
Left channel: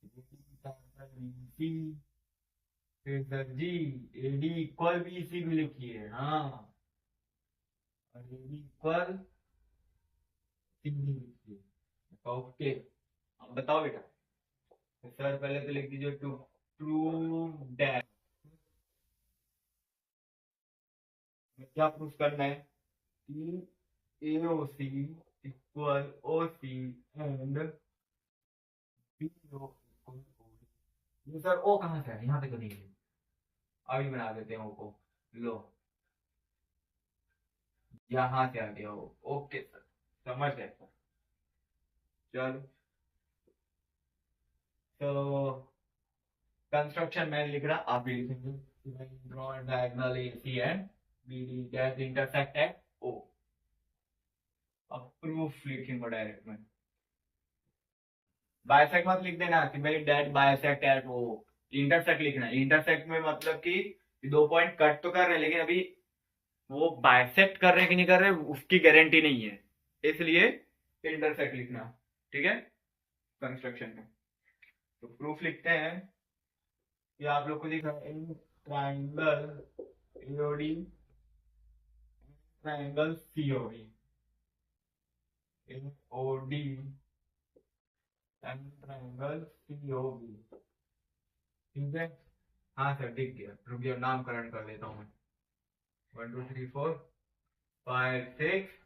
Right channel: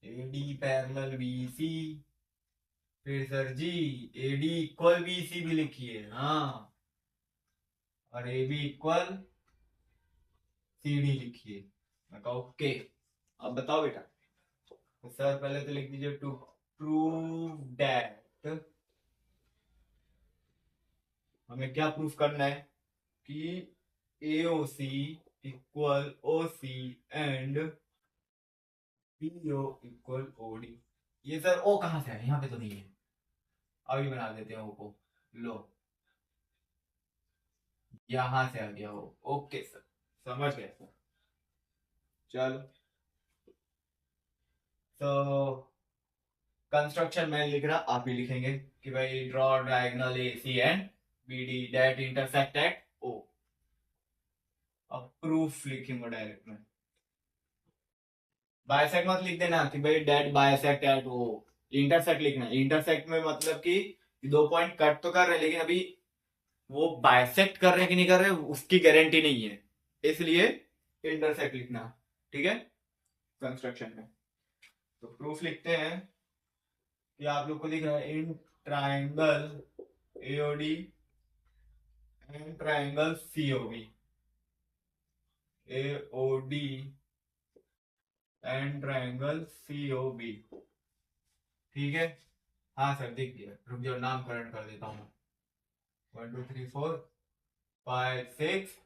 A D parallel B C, फिर sir ji A D equal B C भी लिखिए, हाँ, और A B equal C D लिखिए। मैं कहा ओके। अब बताओ बेटा। तो सर पहले तो लिख दीजिए टू प्रूव दैट, हमें क्या प्रूफ करना है कि AOC equal OC and BO equal OD। ये सर ओ कहाँ से है? यहाँ पे तो नहीं है, अभी बना देते हैं ओ को। लो, यहाँ से आ गया हो। ओके सर, समझ गए सर। चलो, तो कंस्ट्रक्शन मैं लिख रहा, आप भी लिखेंगे कि भाई draw diagonal AC and BD that intersect at O। अब प्रूफ लिखूंगा डायरेक्ट में। बाइसेक्ट मत लिख देना कि भाई that bisect at O, intersect लिखना है। इंटरसेक्ट में मतलब कि दो पॉइंट कट तो कर रहे हैं, लेकिन अभी वो बाइसेक्ट कर रहे हैं कि नहीं कर रहे उसकी गारंटी नहीं है, इसलिए इंटरसेक्ट लिखना। ठीक है, कंस्ट्रक्शन में। तो प्रूफ लिखते हैं कि आप लोग को लिखना है in triangle AOD and triangle COB, AOD and triangle COB। ठीक है, हाँ सर दिख गया। रुक जाओ, नामकरण कर देता हूँ मैं। 1 2 3 4 5 6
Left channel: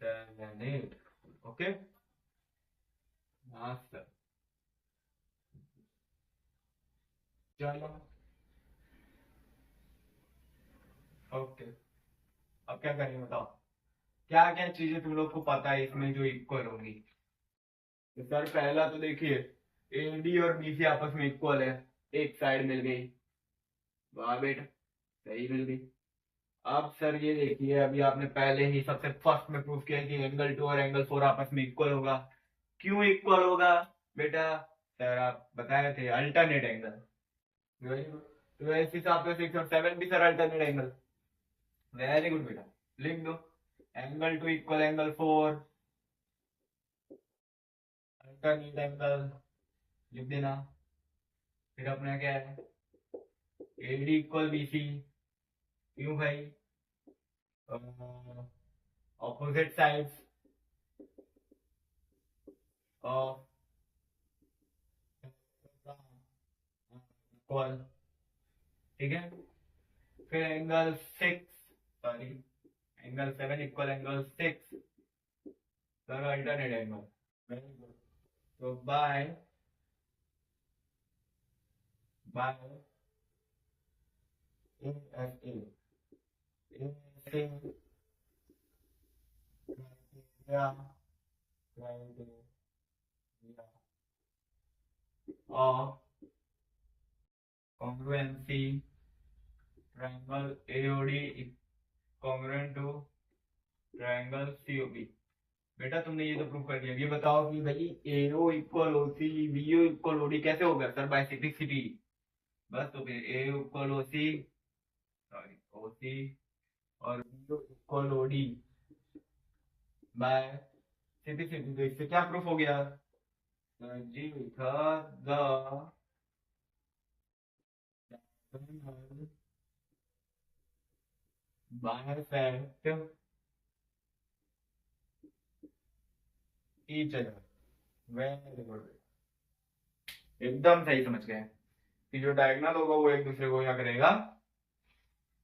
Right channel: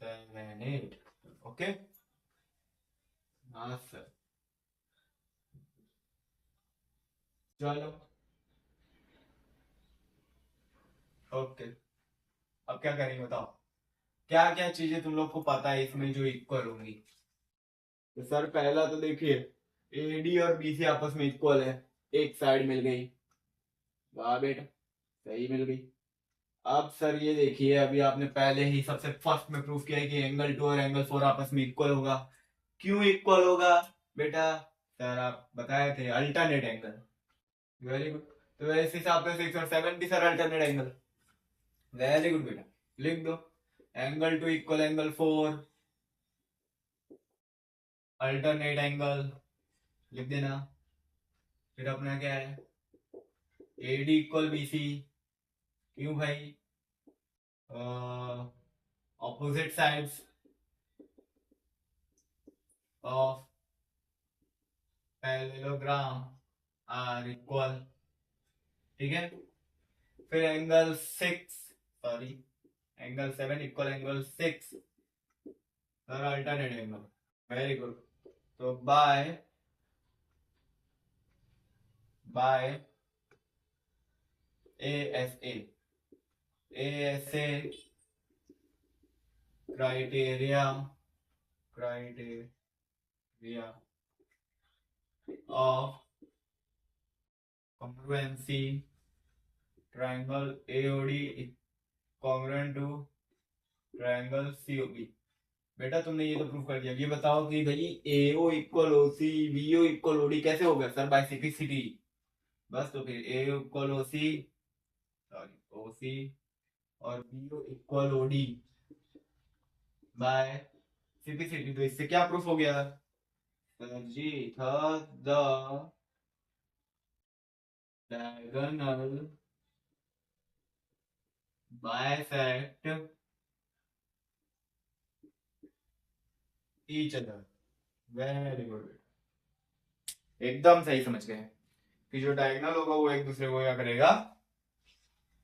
7 8। ओके, हाँ सर। चलो, ओके। अब क्या करेंगे बताओ? क्या क्या चीजें तुम लोग को पता है इसमें जो इक्वल होंगी? तो सर पहला तो देखिए, AD और BC आपस में इक्वल है, एक साइड मिल गई। वाह बेटा, सही मिल गई। अब सर ये देखिए, अभी आपने पहले ही सबसे फर्स्ट में प्रूफ किया है कि एंगल 2 और एंगल 4 आपस में इक्वल होगा। क्यों इक्वल होगा बेटा? सर आप बताए थे अल्टरनेट एंगल। Very good. तो इस हिसाब से 6 और 7 भी sir alternate angle. Very good बेटा, लिख दो। Angle 2 equal angle 4, alternate angle, लिख देना। फिर अपना क्या है? AD equal BC। क्यों भाई? Opposite sides of parallelogram are equal. ठीक है, फिर angle 6, sorry angle 7 equal angle 6, sir alternate angle. Very good. तो by ASA, ASA criteria, criteria of congruency triangle AOD congruent to triangle COB। बेटा तुमने ये तो प्रूव कर दिया। ये बताओ कि भाई AO equal OC, BO equal OD कैसे हो गया? Sir by simplicity. बस, तो फिर AO equal OC, sorry OC, और BO equal OD by simplicity. तो इससे क्या प्रूफ हो गया? सर जी था the diagonal bisect each other. Very good, एकदम सही समझ गए कि जो डायगोनल होगा वो एक दूसरे को क्या करेगा?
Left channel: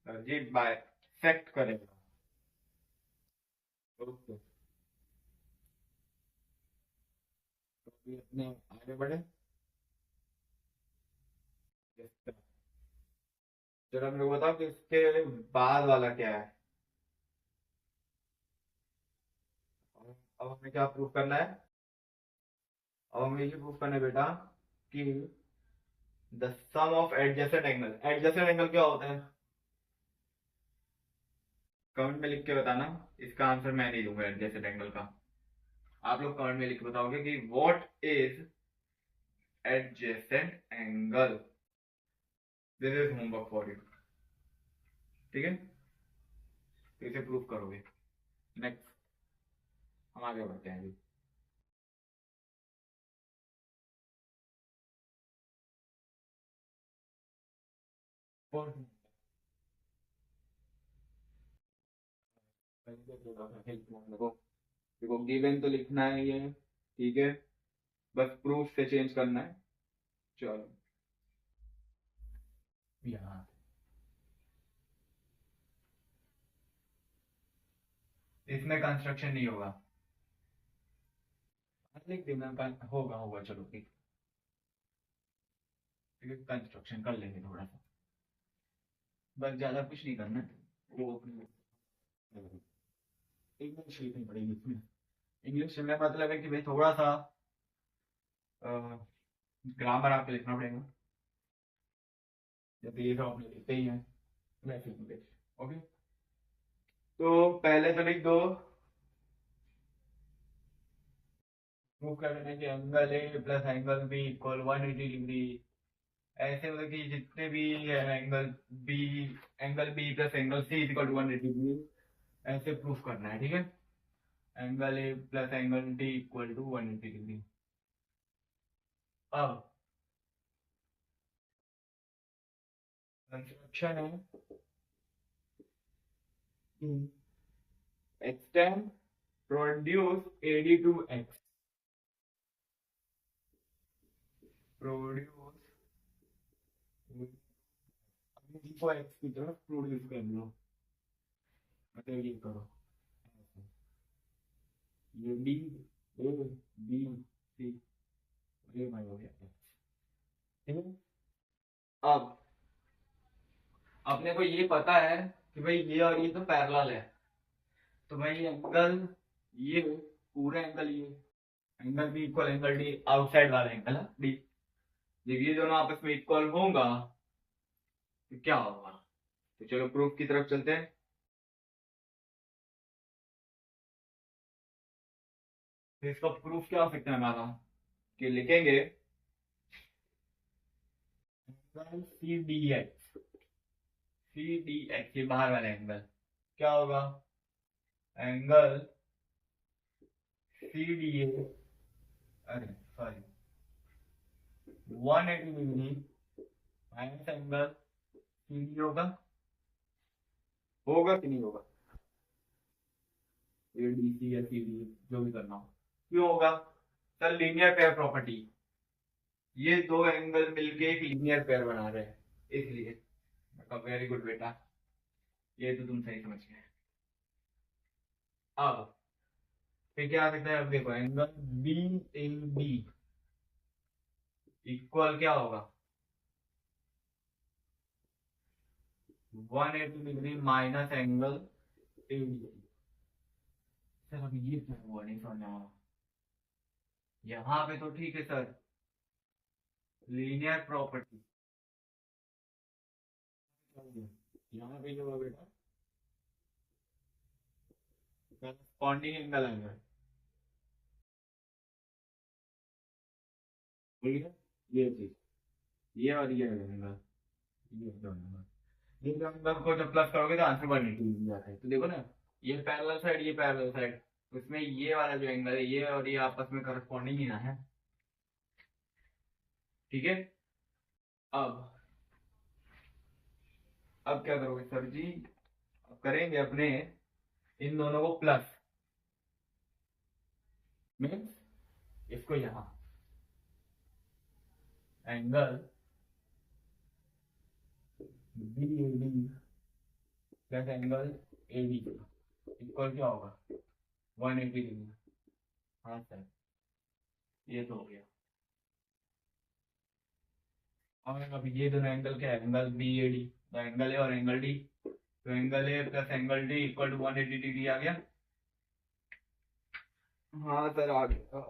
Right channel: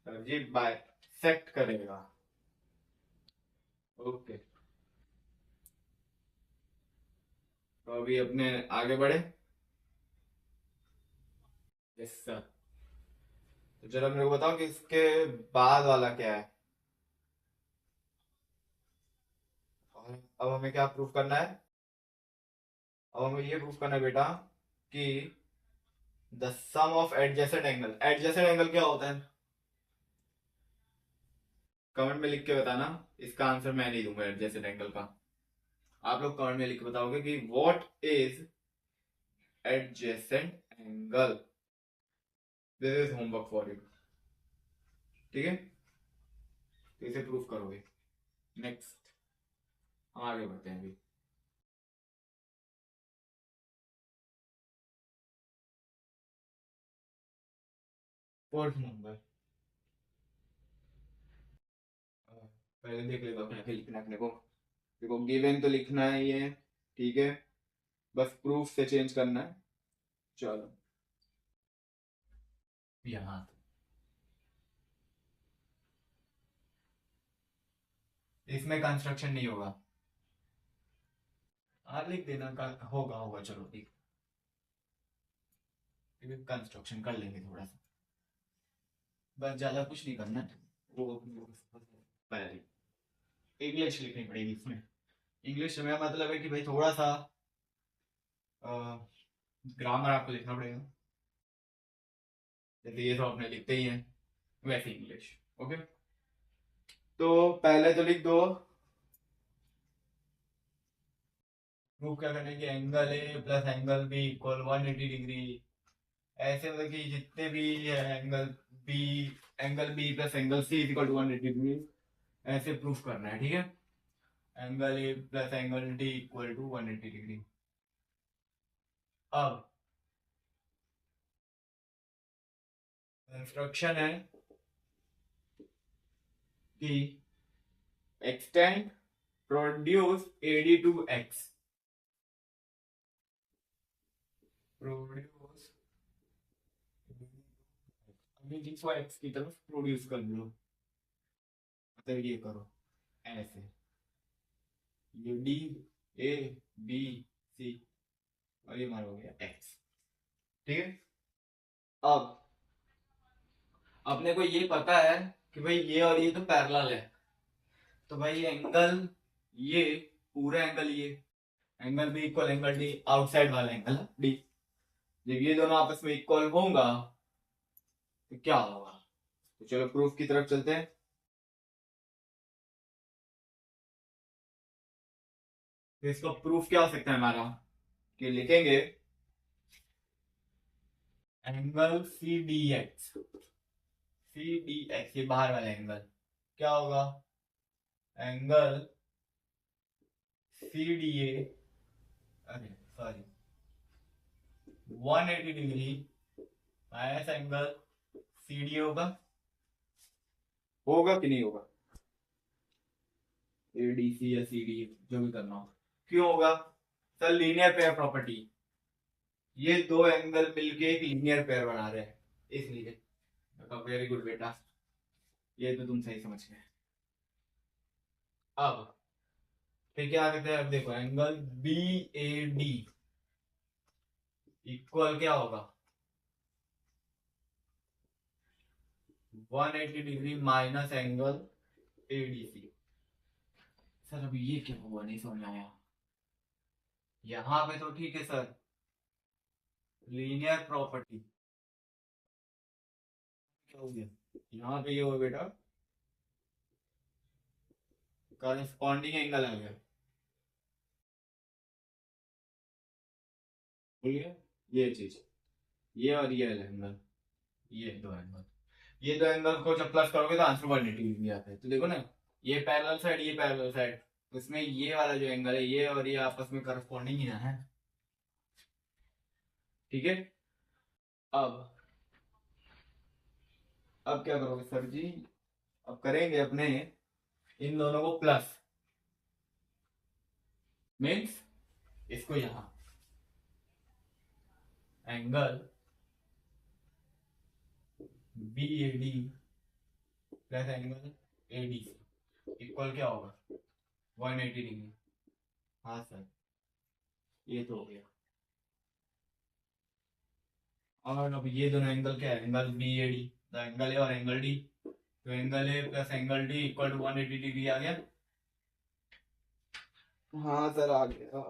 सर जी बाइसेक्ट करेगा। ओके, तो अभी अपने आगे बढ़े। Yes sir. तो जरा मेरे को बताओ कि इसके बाद वाला क्या है? अब हमें क्या प्रूफ करना है? अब हमें ये प्रूफ करना है बेटा कि the sum of adjacent angle, adjacent angle क्या होता है? कमेंट में लिख के बताना, इसका आंसर मैं नहीं दूंगा एडजेसेंट एंगल का। आप लोग कमेंट में लिख के बताओगे कि what is adjacent angle. This is homework for you, ठीक है? तो इसे प्रूफ करोगे। नेक्स्ट हम आगे बढ़ते हैं अभी। फोर्थ नंबर, पहले देख लेते हो क्या क्या लिखना है अपने को। देखो गिवन तो लिखना है ये, ठीक है, बस प्रूफ से चेंज करना है। चलो यहाँ इसमें कंस्ट्रक्शन नहीं होगा, लिख देना होगा होगा, चलो ठीक है, कंस्ट्रक्शन कर लेंगे थोड़ा सा, बस ज्यादा कुछ नहीं करना है। वो पहले इंग्लिश लिखनी पड़ेगी इसमें। इंग्लिश में मतलब है कि भाई थोड़ा सा ग्रामर आपको लिखना पड़ेगा, जैसे ये सब अपने लिखते ही हैं वैसे इंग्लिश। ओके, तो पहले तो लिख दो प्रूफ क्या करना है कि angle A plus angle B equal 180 degree. ऐसे मतलब कि जितने भी angle B, angle B plus angle C equal to 180 degree, ऐसे प्रूफ करना है, ठीक है? Angle A plus angle D equal to 180 degree. अब कंस्ट्रक्शन है कि extend produce AD to X, produce को एक्स की तरफ प्रोड्यूस कर लो, मतलब ये करो ऐसे, ये डी ए बी सी और ये हमारा हो गया एक्स, ठीक है? अब अपने को ये पता है कि भाई ये और ये तो पैरेलल है, तो भाई एंगल ये पूरा एंगल ये angle B equal angle D, outside वाला एंगल है डी, जब ये दोनों आपस में इक्वल होगा तो क्या होगा? तो चलो प्रूफ की तरफ चलते हैं। तो इसका प्रूफ क्या हो सकता है हमारा, कि लिखेंगे angle C D X, C D X ये बाहर वाला एंगल क्या होगा? एंगल सी डी ए, अरे sorry 180 degree minus angle C D होगा, होगा कि नहीं होगा? ए डी सी या सी डी जो भी करना हो, क्यों होगा? सर लीनियर पेयर प्रॉपर्टी, ये दो एंगल मिलके एक लीनियर पेयर बना रहे हैं इसलिए। वेरी गुड बेटा, ये तो तुम सही समझ गए। अब फिर क्या कहते हैं, अब देखो angle B A D equal क्या होगा? 180 degree minus angle A D C. Sir अभी ये क्या हुआ, नहीं समझ आया। यहाँ पे तो ठीक है सर, लीनियर प्रॉपर्टी, क्या हो गया यहाँ पे? ये हुआ बेटा करस्पॉन्डिंग एंगल आ गया, बोलिए ये चीज, ये और ये एंगल, ये दो एंगल को जब प्लस करोगे तो आंसर 180 डिग्री आता है। तो देखो ना, ये पैरेलल साइड ये पैरेलल साइड, तो इसमें ये वाला जो एंगल है ये और ये आपस में करस्पॉन्डिंग ही ना है, ठीक है? अब अब क्या करोगे सर जी? अब करेंगे अपने इन दोनों को प्लस, मीन्स इसको यहां angle B A D plus angle A D C equal क्या होगा? 180 डिग्री। हाँ सर, ये तो हो गया। और अब ये दोनों एंगल क्या है? Angle B A D, the angle A और एंगल डी, तो angle A plus angle D equal to 180 degree आ गया। हाँ सर आ गया।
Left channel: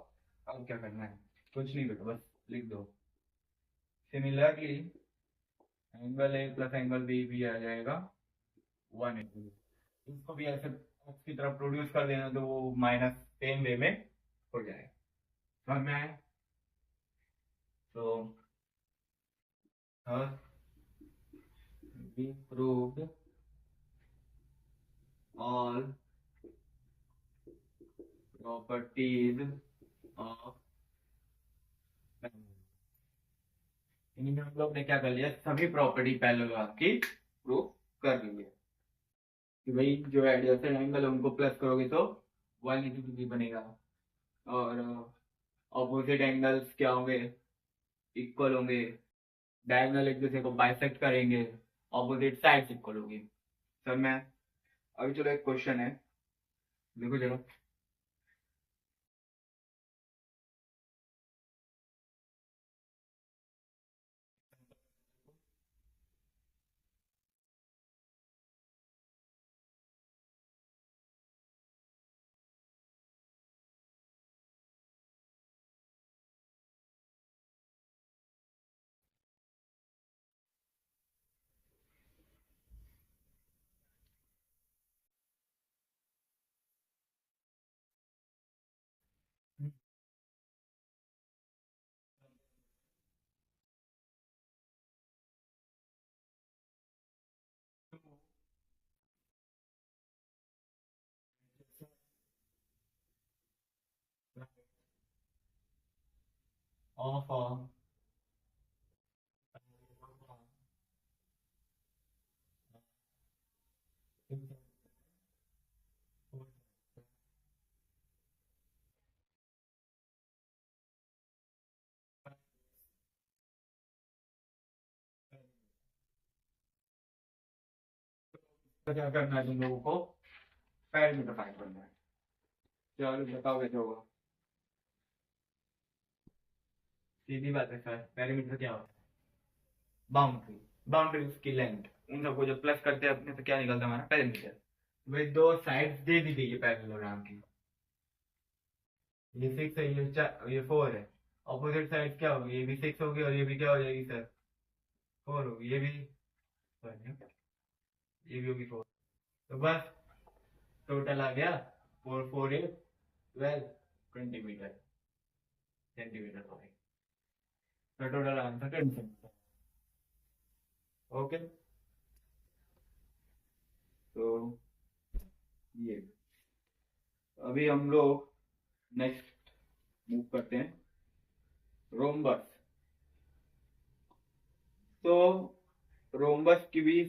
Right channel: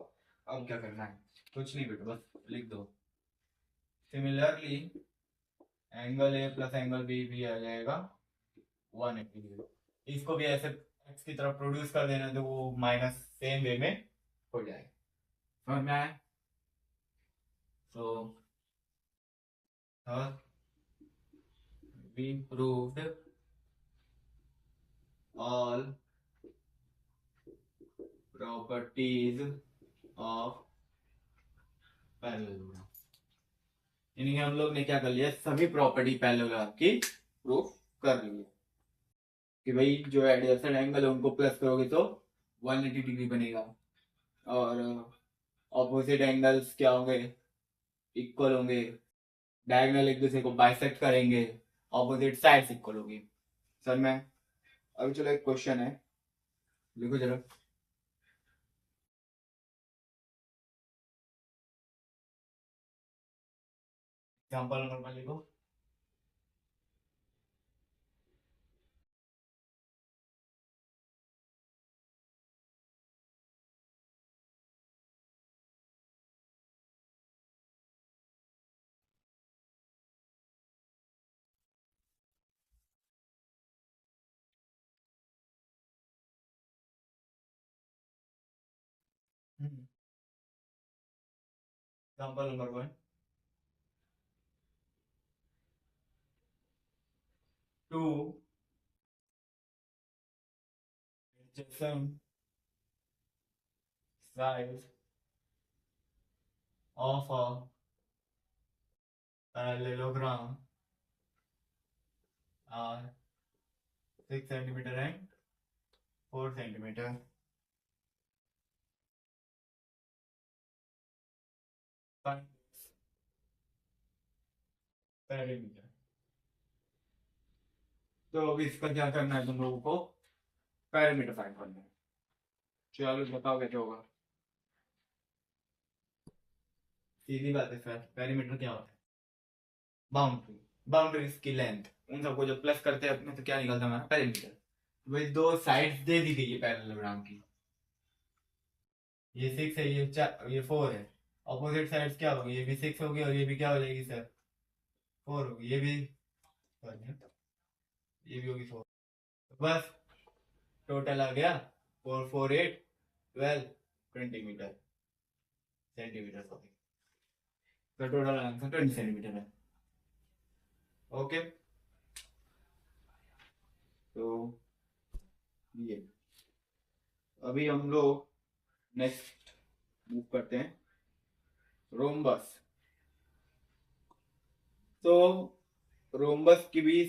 अब क्या करना है? कुछ नहीं बेटा, बस लिख दो। Similarly angle A plus angle B भी आ जाएगा 180 डिग्री। इसको भी ऐसे एक्स की तरफ प्रोड्यूस कर देना तो वो माइनस सेम वे में हो जाएगा। समझ में आया? तो we proved all properties of parallelogram. यानी कि हम लोग ने क्या कर लिया, सभी प्रॉपर्टी पैरेललोग्राम की प्रूफ कर ली है कि भाई जो एडजेसेंट एंगल है उनको प्लस करोगे तो 180 डिग्री बनेगा, और ऑपोजिट एंगल्स क्या होंगे, इक्वल होंगे, डायगोनल एक दूसरे को बाइसेक्ट करेंगे, ऑपोजिट साइड्स इक्वल होगी। सर मैं अभी चलो एक क्वेश्चन है, लिखो जरा। एग्जांपल नंबर 1 लिखो। Example number 1, 2 adjacent sides of a parallelogram are 6 centimeter and 4 centimeter. Find perimeter. तो अब इसका क्या करना है तुम लोगों को, पैरामीटर फाइंड करना है। चलो बताओ कैसे होगा। सीधी बात है सर, पैरामीटर क्या होता है? बाउंड्री, बाउंड्रीज की लेंथ, उन सबको जब प्लस करते हैं अपने तो क्या निकलता है हमारा पैरामीटर। वही दो साइड्स दे दी गई है पैरेललोग्राम की, ये 6 है, ये 4 है। ऑपोजिट साइड्स क्या होगी, ये भी 6 होगी और ये भी क्या हो जाएगी सर, 4 होगी। ये भी sorry, ये भी होगी 4। तो बस टोटल आ गया 4 4 8 12 20 मीटर सेंटीमीटर सॉरी। तो टोटल आंसर 20 सेंटीमीटर है। ओके, तो ये अभी हम लोग नेक्स्ट मूव करते हैं, रोम्बस। तो रोम्बस की भी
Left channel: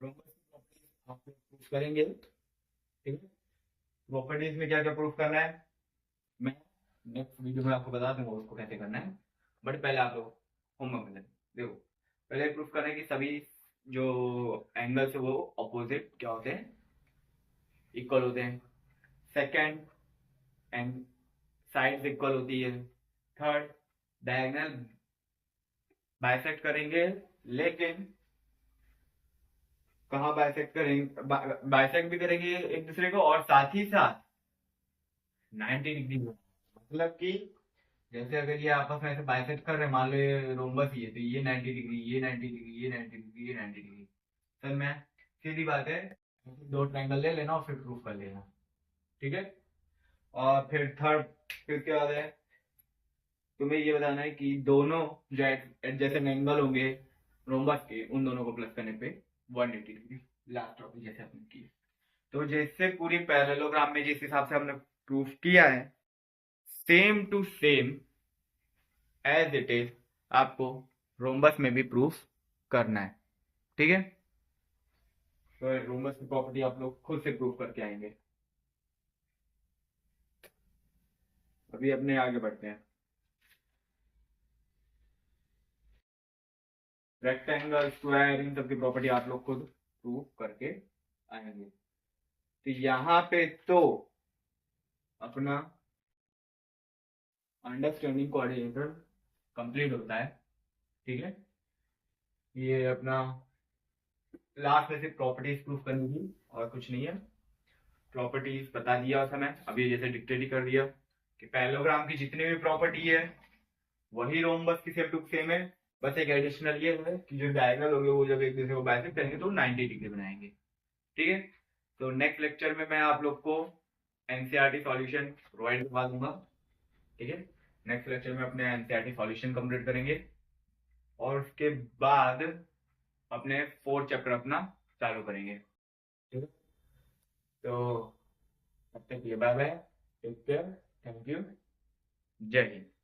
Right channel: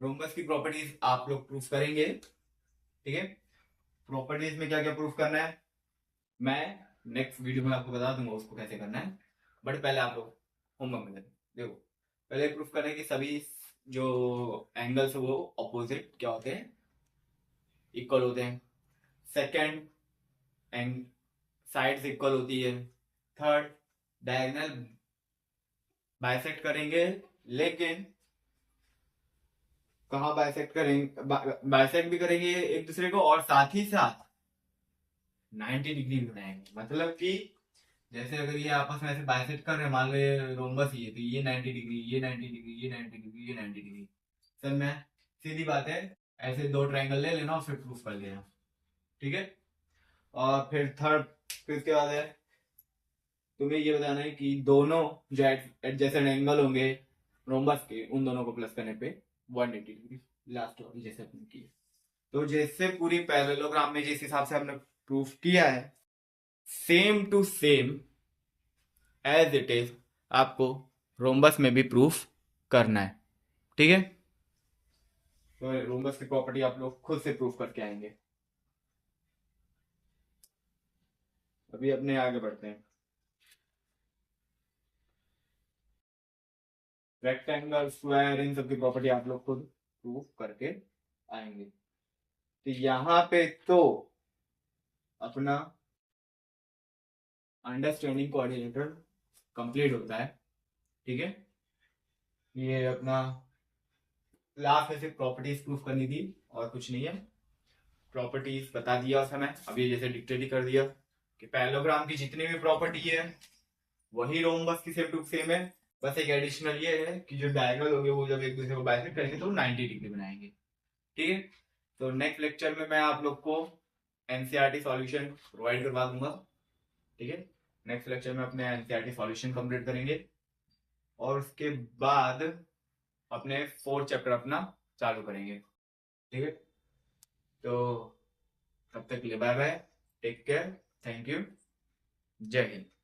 रोम्बस की प्रॉपर्टीज आप लोग प्रूफ करेंगे, ठीक है। प्रॉपर्टीज में क्या क्या प्रूफ करना है मैं नेक्स्ट वीडियो में आपको बता दूंगा उसको कैसे करना है, बट पहले आप लोग होमवर्क में देखो। पहले प्रूफ करना है कि सभी जो एंगल्स है वो ऑपोजिट क्या होते हैं, इक्वल होते हैं। सेकंड, एंड साइड्स इक्वल होती है। थर्ड, डायगोनल बाइसेक्ट करेंगे, लेकिन कहाँ बाइसेक्ट करेंगे, बाइसेक्ट भी करेंगे एक दूसरे को और साथ ही साथ 90 डिग्री बनाएंगे। मतलब कि जैसे अगर ये आपस में ऐसे बाइसेक्ट कर रहे हैं, मान लो ये रोम्बस ही है तो ये 90 डिग्री, ये 90 डिग्री, ये 90 डिग्री, ये 90 डिग्री। सर मैं सीधी बात है, ऐसे दो ट्रायंगल ले लेना और फिर प्रूफ कर लेना, ठीक है। और फिर थर्ड, फिर उसके बाद है तुम्हें ये बताना है कि दोनों जो एडजेसेंट एंगल होंगे रोम्बस के, उन दोनों को प्लस करने पे 180 डिग्री। लास्ट टॉपिक जैसे अपने की, तो जैसे पूरी पैरेललोग्राम में जिस हिसाब से हमने प्रूफ किया है, same to same as it is आपको रोम्बस में भी प्रूफ करना है, ठीक है। तो रोम्बस की प्रॉपर्टी आप लोग खुद से प्रूफ करके आएंगे। अभी अपने आगे बढ़ते हैं। रेक्टेंगल, स्क्वायर, इन सब की प्रॉपर्टी आप लोग खुद प्रूफ करके आएंगे। तो यहाँ पे तो अपना अंडरस्टैंडिंग कोऑर्डिनेटर कंप्लीट होता है, ठीक है। ये अपना लास्ट में सिर्फ प्रॉपर्टीज प्रूफ करनी थी और कुछ नहीं है। प्रॉपर्टीज बता दिया उस समय, अभी जैसे डिक्टेट ही कर दिया कि पैरेललोग्राम की जितनी भी प्रॉपर्टी है वही रोम्बस की सेम टू सेम है। बस एक एडिशनल ये है कि जो डायगोनल होंगे वो जब एक दूसरे को बाइसेक्ट करेंगे तो 90 डिग्री बनाएंगे। ठीक है, तो नेक्स्ट लेक्चर में मैं आप लोग को एनसीईआरटी सॉल्यूशन प्रोवाइड करवा दूंगा। ठीक है, नेक्स्ट लेक्चर में अपने एनसीईआरटी सॉल्यूशन कंप्लीट करेंगे और उसके बाद अपने 4 चैप्टर अपना चालू करेंगे। ठीक है, तो तब तक के लिए bye bye, take care, thank you, जय हिंद।